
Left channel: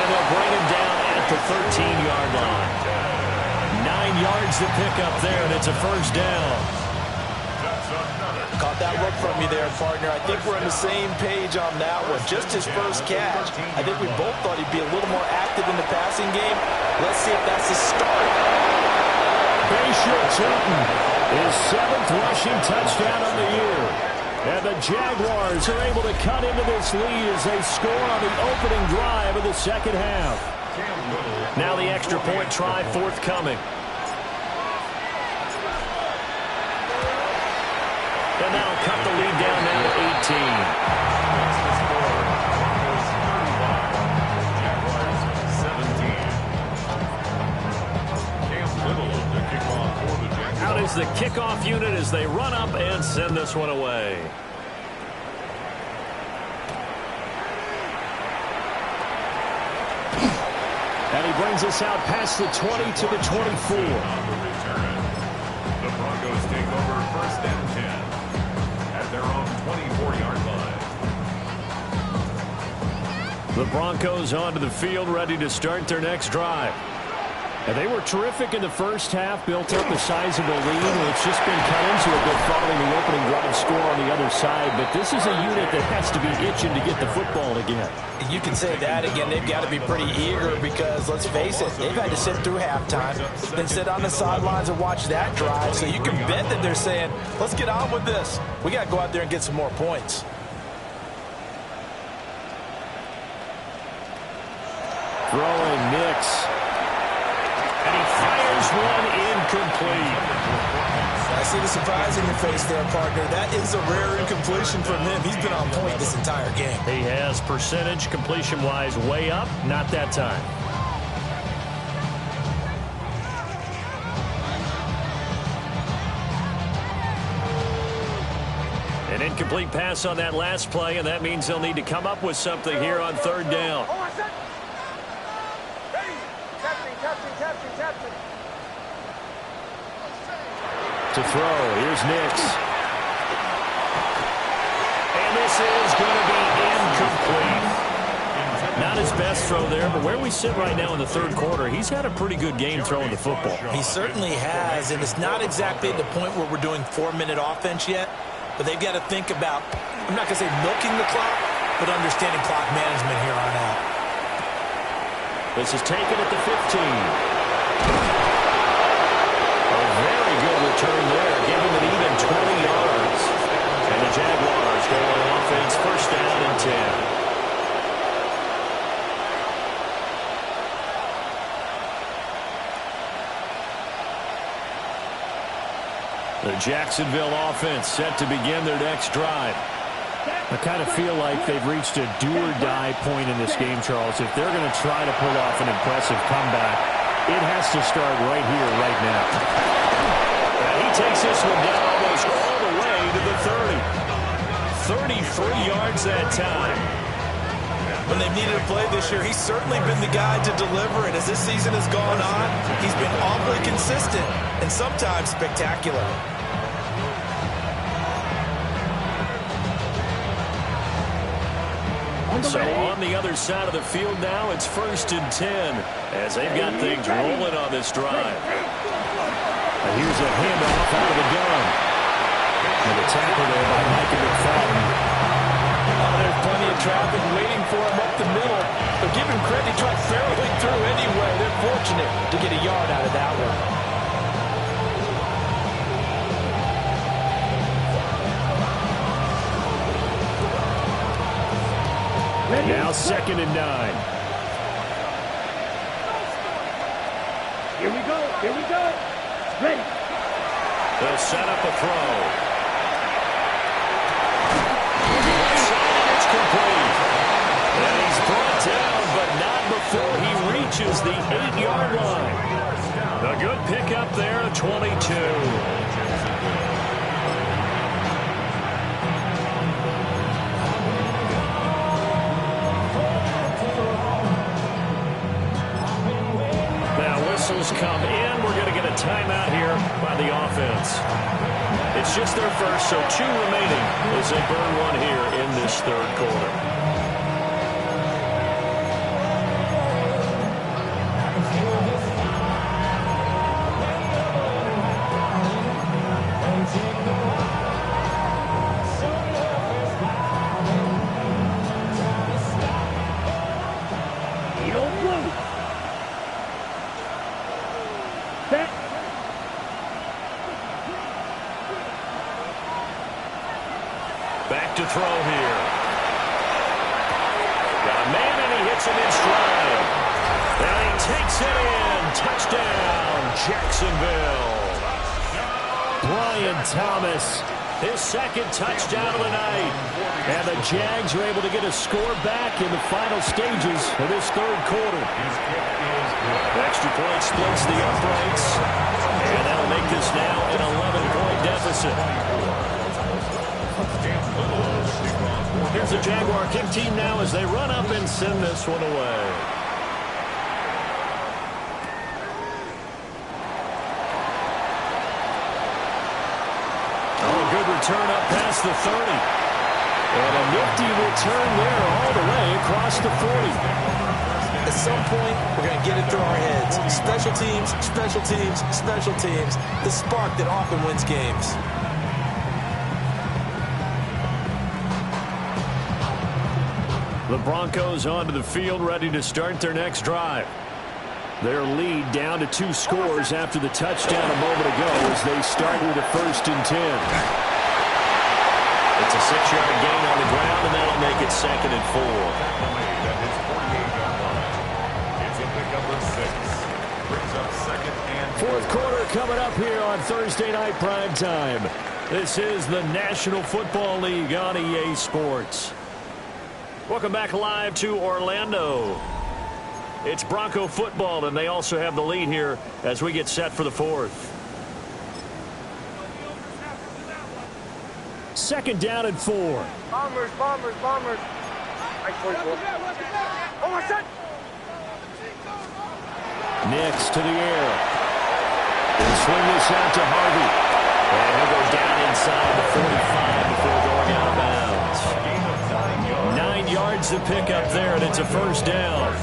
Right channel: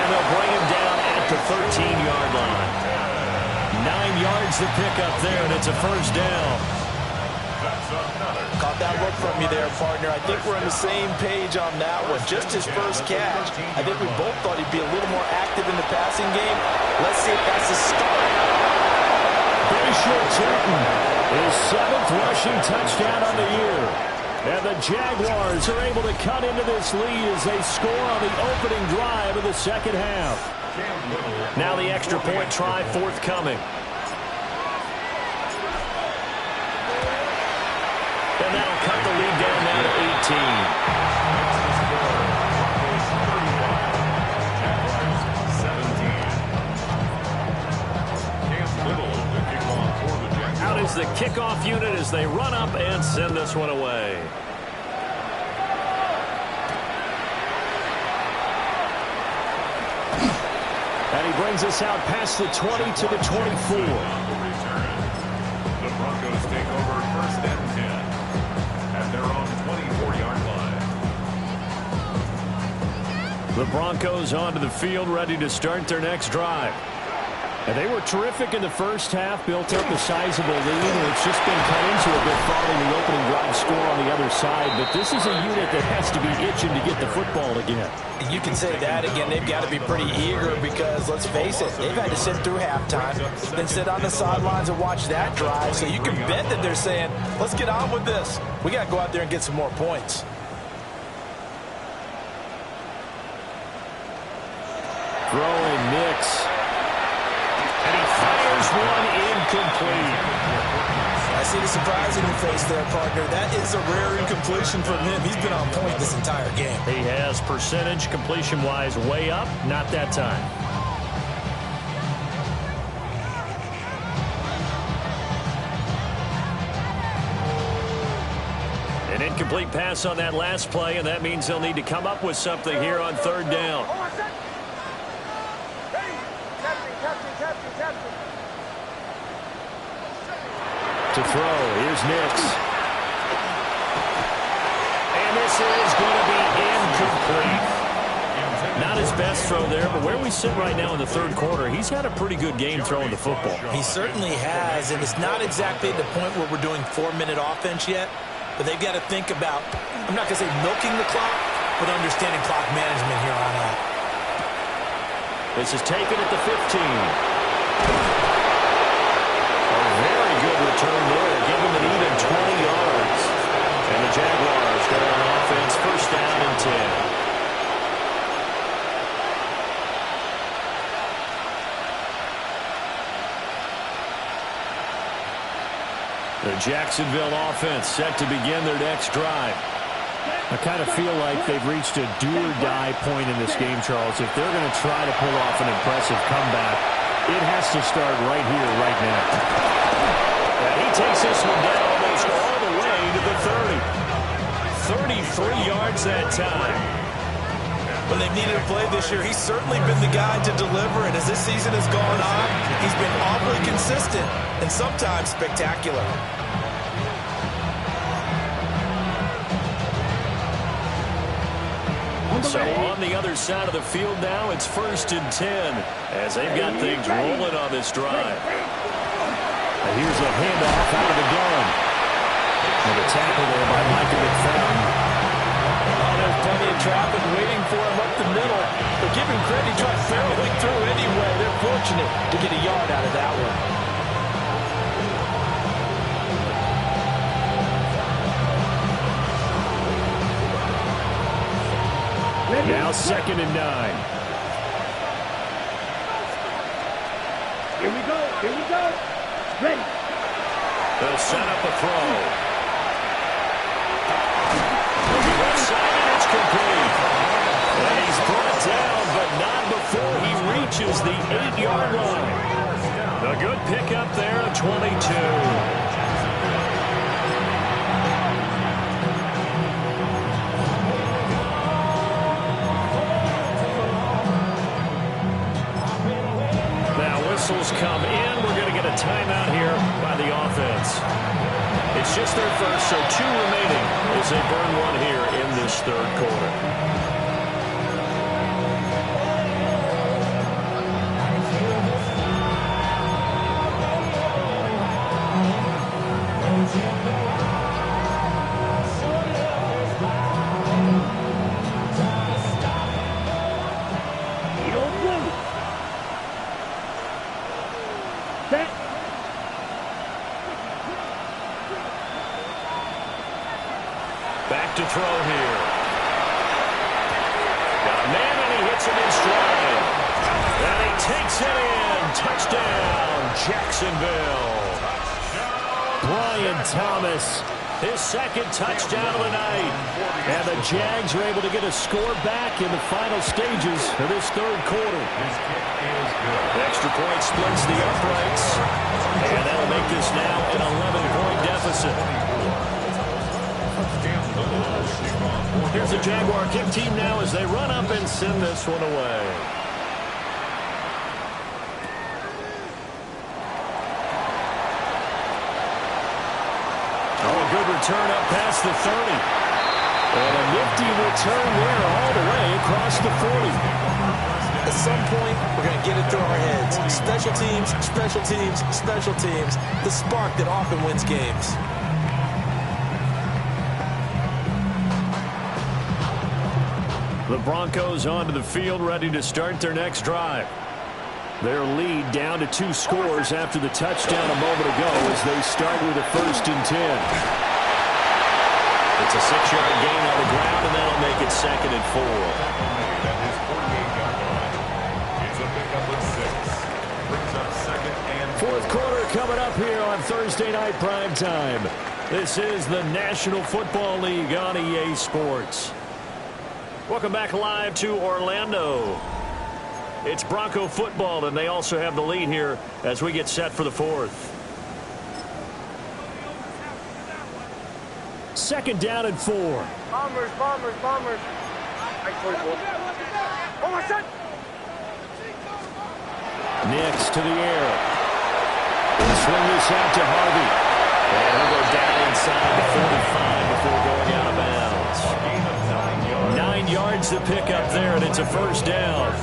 And they'll bring him down at the 13-yard line. 9 yards to pick up there, and it's a first down. Caught that look from you there, partner. I think we're on the same page on that one. Just his first catch. I think we both thought he'd be a little more active in the passing game. Let's see if that's the start. Bashir Tootin, his 7th rushing touchdown on the year. And the Jaguars are able to cut into this lead as they score on the opening drive of the second half. Now the extra point try forthcoming. And that'll cut the lead down now to 18. Makes the score Broncos 35, Jaguars 17. Cam Little to kick off for the Jaguars. Out is the kickoff unit as they run up and send this one away. And he brings us out past the 20 to the 24. On the return. The Broncos take over 1st and 10 at their own 24-yard line. The Broncos onto the field, ready to start their next drive. And they were terrific in the first half, built up a sizable lead, and it's just been cut into a bit following the opening drive score on the other side. But this is a unit that has to be itching to get the football again. You can say that again. They've got to be pretty eager because, let's face it, they've had to sit through halftime, then sit on the sidelines and watch that drive. So you can bet that they're saying, let's get on with this. We got to go out there and get some more points. Throwing Nix. And he fires one incomplete. I see the surprise in your face there, partner. That is a rare incompletion from him. He's been on point this entire game. He has percentage completion-wise way up, not that time. An incomplete pass on that last play, and that means they'll need to come up with something here on 3rd down. To throw, here's Nix. And this is going to be incomplete. Not his best throw there, but where we sit right now in the 3rd quarter, he's had a pretty good game throwing the football. He certainly has, and it's not exactly at the point where we're doing 4-minute offense yet, but they've got to think about, I'm not going to say milking the clock, but understanding clock management here on out. This is taken at the 15. A very good return there. Give him an even 20 yards. And the Jaguars go on offense, 1st down and 10. The Jacksonville offense set to begin their next drive. I kind of feel like they've reached a do-or-die point in this game, Charles. If they're going to try to pull off an impressive comeback, it has to start right here, right now. And he takes this one down almost all the way to the 30. 33 yards that time. When they've needed a play this year, he's certainly been the guy to deliver it. As this season has gone on, he's been awfully consistent and sometimes spectacular. So on the other side of the field now, it's 1st and 10 as they've got things rolling on this drive. And here's a handoff out of the gun. And a tackle there by Micah McFadden. Oh, there's plenty of traffic waiting for him up the middle. But give him credit, he tried barreling through anyway. They're fortunate to get a yard out of that one. Ready? Now 2nd and 9. Here we go. Here we go. Ready. They'll set up a throw. Left side, and it's complete. And he's brought down, but not before he reaches the 8-yard line. A good pickup there of 22. Now whistles come in. We're going to get a timeout here by the offense. It's just their first, so 2 remaining as they burn one here in this 3rd quarter. Back to throw here. Got a man, and he hits him in stride. And he takes it in. Touchdown, Jacksonville. Brian Thomas. His 2nd touchdown of the night. And the Jags are able to get a score back in the final stages of this 3rd quarter. His kick is good. Extra point splits the uprights. And that'll make this now an 11-point deficit. Here's the Jaguar kick team now as they run up and send this one away. Oh, a good return up past the 30. And a nifty return there all the way across the 40. At some point, we're going to get it through our heads. Special teams, special teams, special teams. The spark that often wins games. The Broncos onto the field, ready to start their next drive. Their lead down to 2 scores after the touchdown a moment ago as they start with a 1st and 10. It's a 6-yard gain on the ground, and that'll make it 2nd and 4. At his 48-yard line. It's a pickup of 6. Brings up 2nd and 4th quarter coming up here on Thursday night prime time. This is the National Football League on EA Sports. Welcome back live to Orlando. It's Bronco football, and they also have the lead here as we get set for the 4th. 2nd down and 4. Bombers, bombers, bombers. Nice 44. Oh, my son. Nix to the air. He'll swing this out to Harvey. And he'll go down inside the 45 before going out of bounds. a gain of 9 yards. 9 yards to pick up there, and it's a 1st down.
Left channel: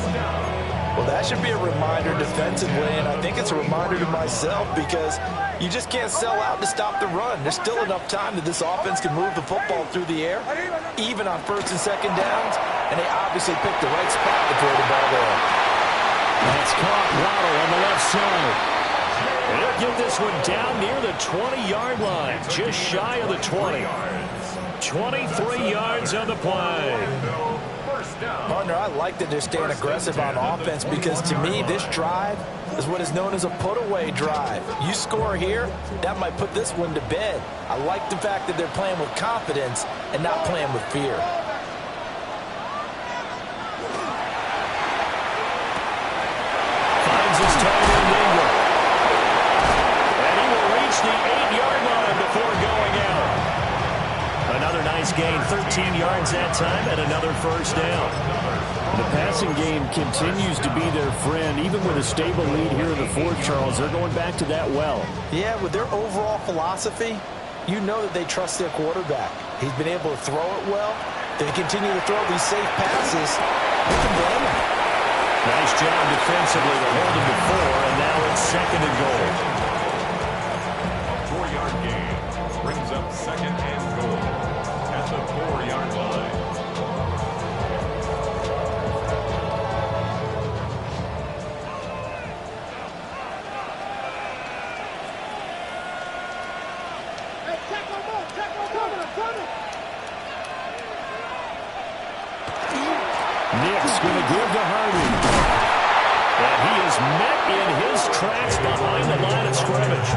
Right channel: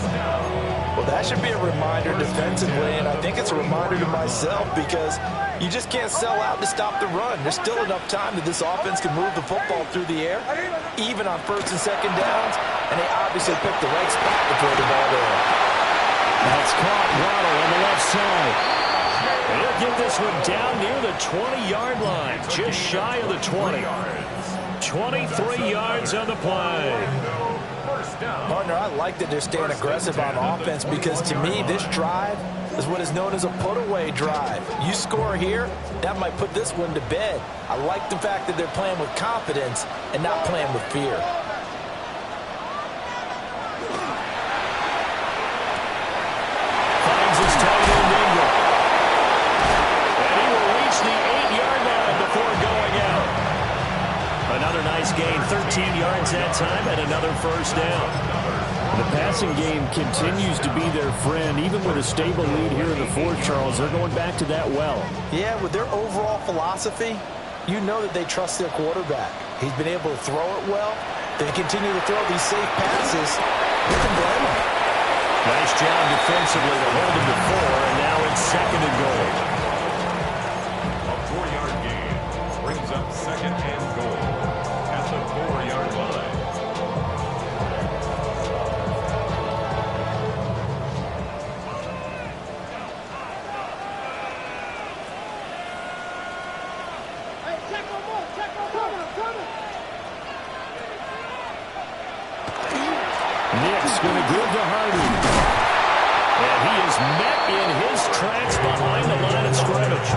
Well, that should be a reminder defensively, and I think it's a reminder to myself because you just can't sell out to stop the run. There's still enough time that this offense can move the football through the air, even on 1st and 2nd downs, and they obviously picked the right spot to throw the ball there. That's caught. Waddle on the left side. And he'll get this one down near the 20-yard line, just shy of the 20. 23 yards on the play. Partner, I like that they're staying aggressive on offense because to me, this drive is what is known as a put-away drive. You score here, that might put this one to bed. I like the fact that they're playing with confidence and not playing with fear. Finds his tight end Ingram. And he will reach the 8-yard line before going out. Another nice gain, 13 yards that time, and another 1st down. The passing game continues to be their friend. Even with a stable lead here in the 4th, Charles, they're going back to that well. Yeah, with their overall philosophy, you know that they trust their quarterback. He's been able to throw it well. they continue to throw these safe passes, who can blame them? Nice job defensively to hold him to 4, and now it's 2nd and goal. A 4-yard gain brings up 2nd and goal at the 4-yard line. Nick's going to give to Harvey. And he is met in his tracks behind the line of scrimmage.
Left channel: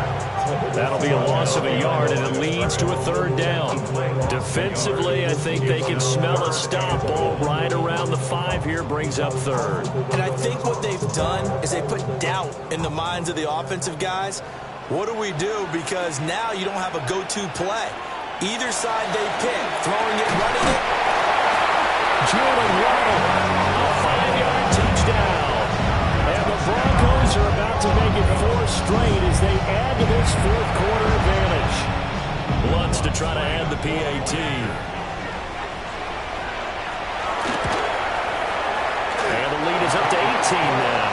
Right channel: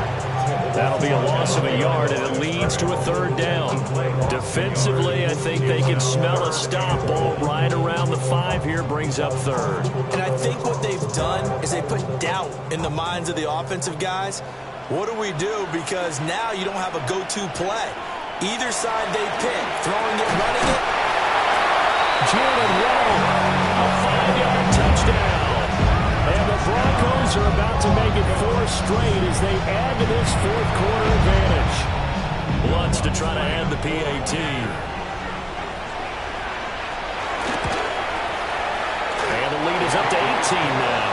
That'll be a loss of a yard, and it leads to a 3rd down. Defensively, I think they can smell a stop. Ball right around the 5 here, brings up 3rd. And I think what they've done is they put doubt in the minds of the offensive guys. What do we do? Because now you don't have a go-to play. Either side they pick, throwing it, running it. Jalen Waddle, a 5-yard touchdown. And the Broncos are about to make it 4 straight as they add to this 4th quarter advantage. Lutz to try to add the PAT. And the lead is up to 18 now.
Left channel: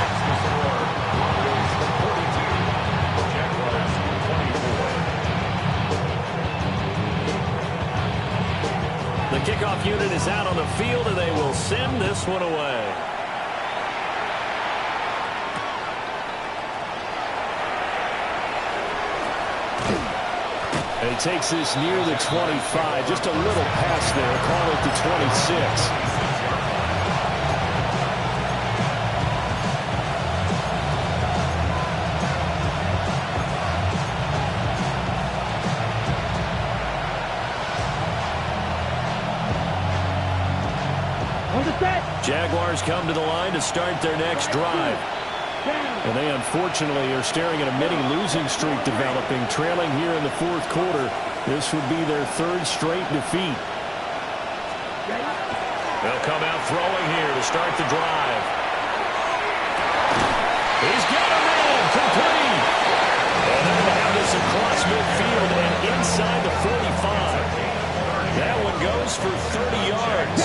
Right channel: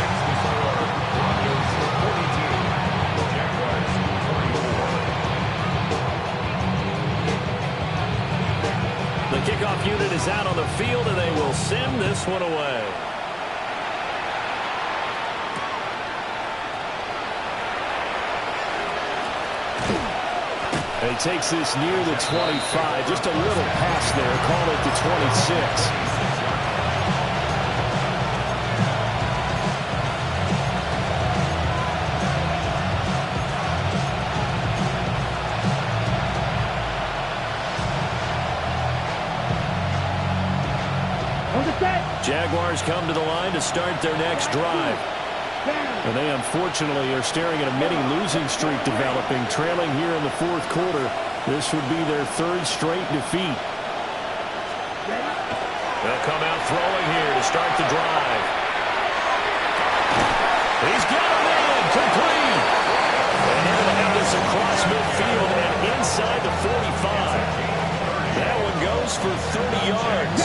Next to score, Broncos 42, Jaguars 24. The kickoff unit is out on the field, and they will send this one away. And he takes this near the 25. Just a little pass there. Call it the 26. Jaguars come to the line to start their next drive. And they unfortunately are staring at a mini losing streak developing, trailing here in the 4th quarter. This would be their 3rd straight defeat. They'll come out throwing here to start the drive. He's got him in, complete. And they're going to have this across midfield and inside the 45. That one goes for 30 yards.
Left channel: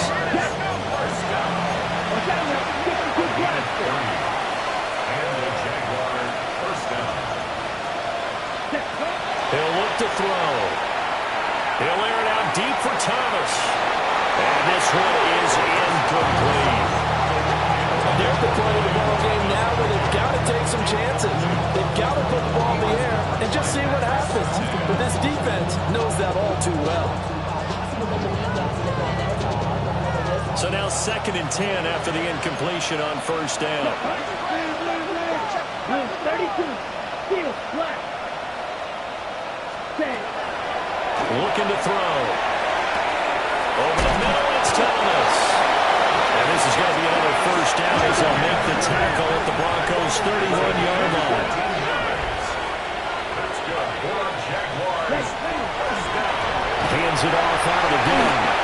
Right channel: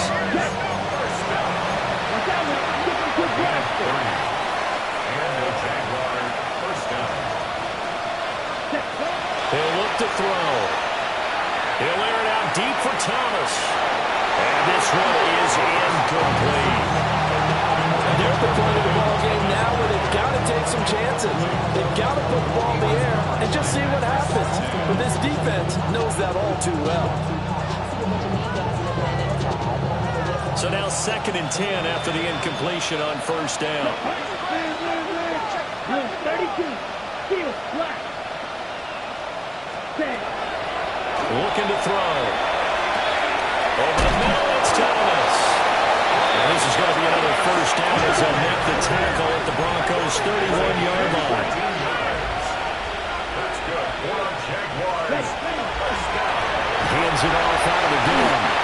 And a Jaguar 1st down. He'll look to throw. He'll air it out deep for Thomas. And this one is incomplete. They're at the point of the ball game now where they've got to take some chances. They've got to put the ball in the air and just see what happens. But this defense knows that all too well. So now 2nd and 10 after the incompletion on 1st down. 32. Steel. Black. Looking to throw. Over the middle, it's Thomas. And this is going to be another 1st down as they'll make the tackle at the Broncos' 31-yard line. That's good for Jaguars. 1st down. Hands it off out of the gun.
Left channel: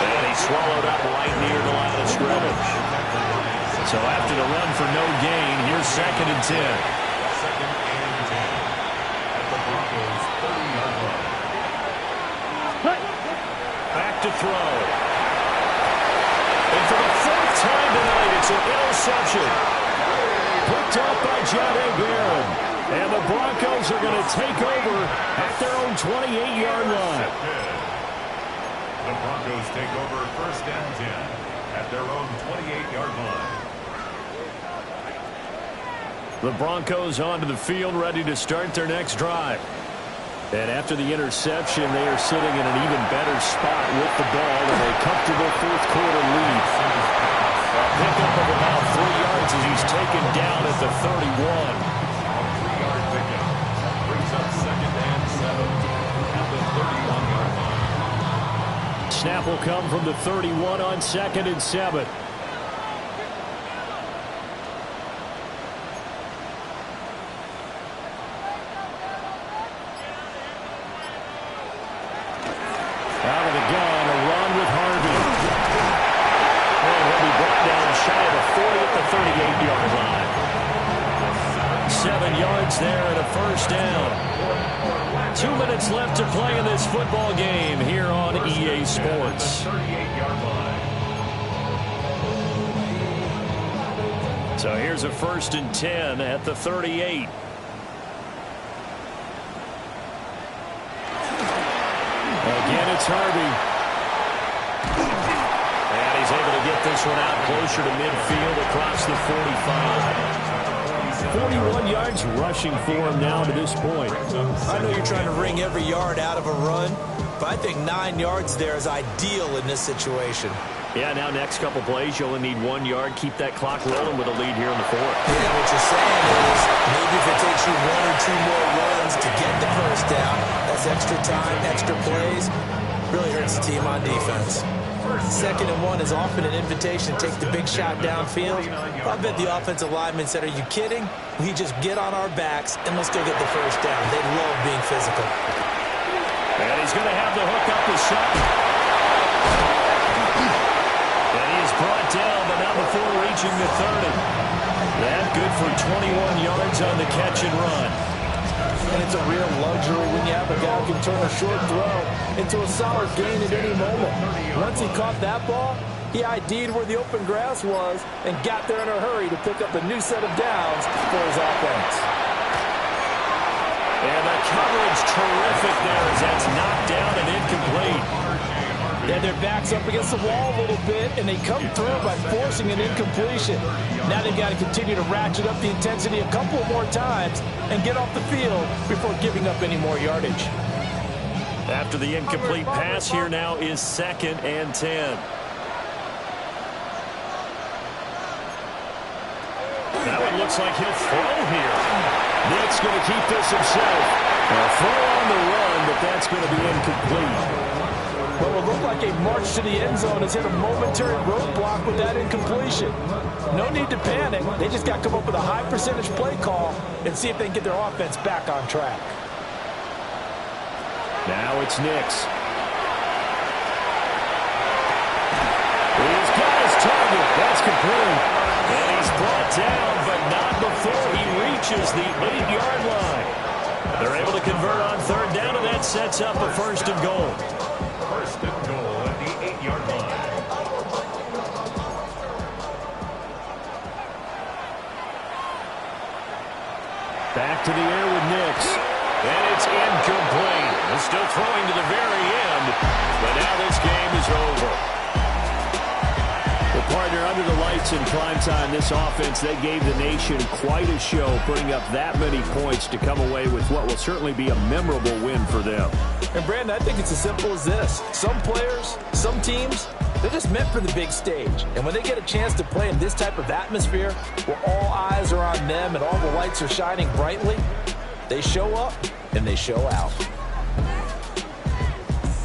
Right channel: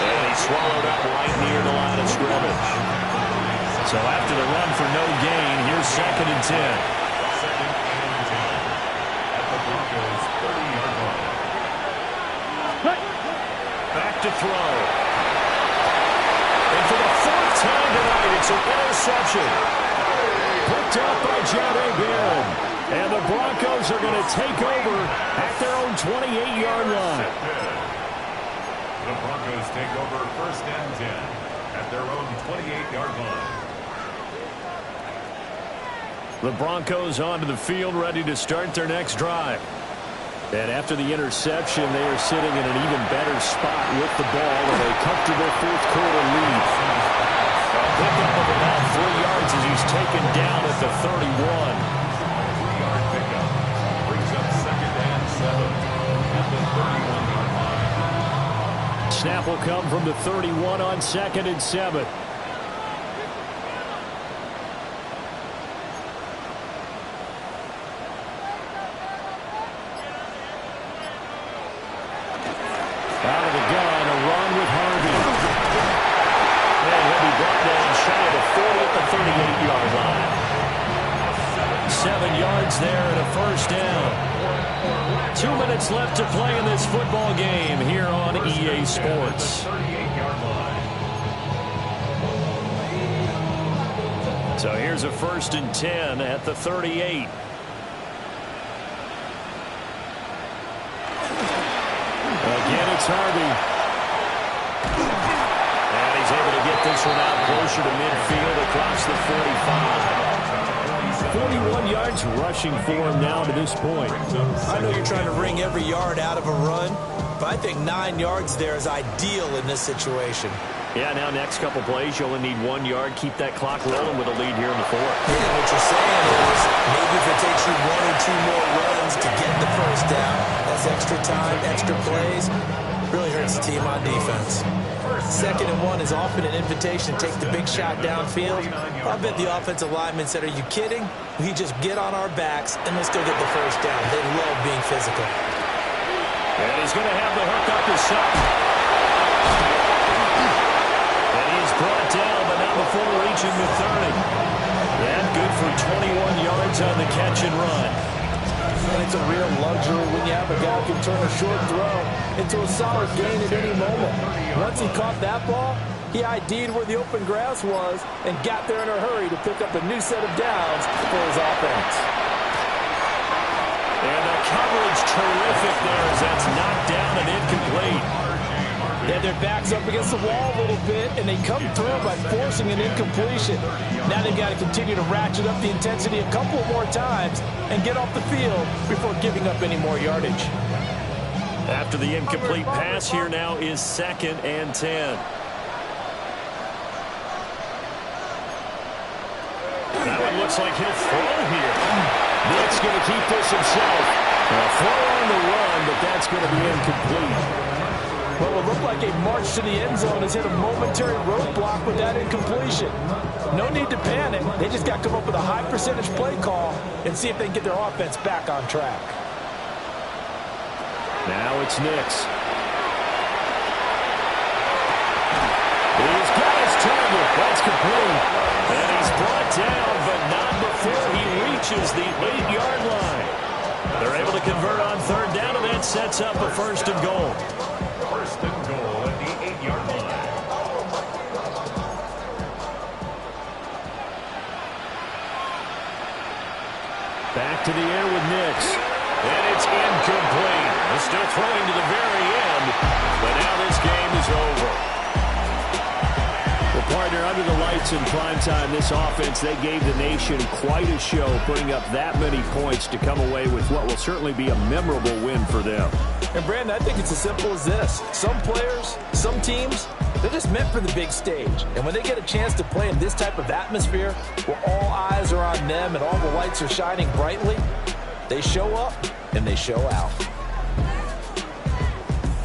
And he swallowed up right near the line of scrimmage. So after the run for no gain, here's 2nd and 10. 2nd and 10 at the Broncos' 30-yard line. Back to throw. And for the 4th time tonight, it's an interception. Picked up by Jahdae Barron. And the Broncos are going to take over at their own 28-yard line. The Broncos take over 1st and 10 at their own 28-yard line. The Broncos onto the field, ready to start their next drive. And after the interception, they are sitting in an even better spot with the ball with a comfortable 4th quarter lead. A pickup of about 3 yards as he's taken down at the 31. A 3-yard pickup brings up 2nd and 7 at the 31-yard line. Snap will come from the 31 on 2nd and 7. Out of the gun, a run with Harvey. And he'll be brought down shy of the 40 at the 38-yard line. A 7 yards there and a first down. 2 minutes left to play in this football game here on EA Sports. So here's a 1st and 10 at the 38. Again, it's Harvey. And he's able to get this one out closer to midfield across the 45. 41 yards rushing for him now to this point. I know you're trying to wring every yard out of a run, but I think 9 yards there is ideal in this situation. Yeah, now next couple plays, you only need 1 yard. Keep that clock rolling with a lead here in the 4th. Yeah, what you're saying is maybe if it takes you 1 or 2 more runs to get the first down, that's extra time, extra plays, really hurts the team on defense. 2nd and 1 is often an invitation to take the big shot downfield. I bet the offensive linemen said, are you kidding? We just get on our backs and let's go get the first down. They love being physical. And he's going to have the hook up to Sutton. And he is brought down, but not before reaching the 30. That good for 21 yards on the catch and run. And it's a real luxury when you have a guy who can turn a short throw into a solid gain at any moment. Once he caught that ball, he ID'd where the open grass was and got there in a hurry to pick up a new set of downs for his offense. And the coverage terrific there as that's knocked down and incomplete. Yeah, their back's up against the wall a little bit, and they come through by forcing an incompletion. Now they've got to continue to ratchet up the intensity a couple more times and get off the field before giving up any more yardage. After the incomplete pass, here now is 2nd and 10. That one looks like he'll throw here. Nick's going to keep this himself. A throw on the run, but that's going to be incomplete. What will look like a march to the end zone has hit a momentary roadblock with that incompletion. No need to panic. They just got to come up with a high percentage play call and see if they can get their offense back on track. Now it's Nix. He's got his target. That's complete. And he's brought down, but not before he reaches the 8-yard line. They're able to convert on 3rd down, and that sets up a 1st and goal. 1st and goal at the 8-yard line. Back to the air with Nix. And it's incomplete. They're still throwing to the very end, but now this game is over. Well, partner, under the lights in primetime, this offense, they gave the nation quite a show, putting up that many points to come away with what will certainly be a memorable win for them. And, Brandon, I think it's as simple as this. Some players, some teams, they're just meant for the big stage. And when they get a chance to play in this type of atmosphere, where all eyes are on them and all the lights are shining brightly, they show up and they show out.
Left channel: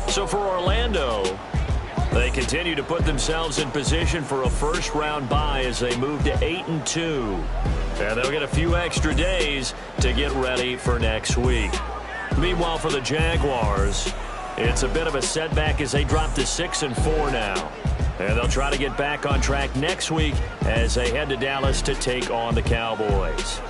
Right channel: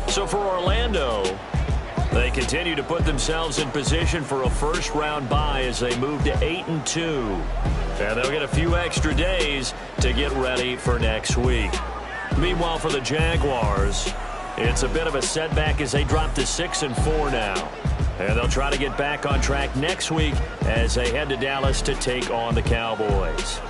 So for Orlando, they continue to put themselves in position for a first-round bye as they move to 8-2. And they'll get a few extra days to get ready for next week. Meanwhile, for the Jaguars, it's a bit of a setback as they drop to 6-4 now. And they'll try to get back on track next week as they head to Dallas to take on the Cowboys.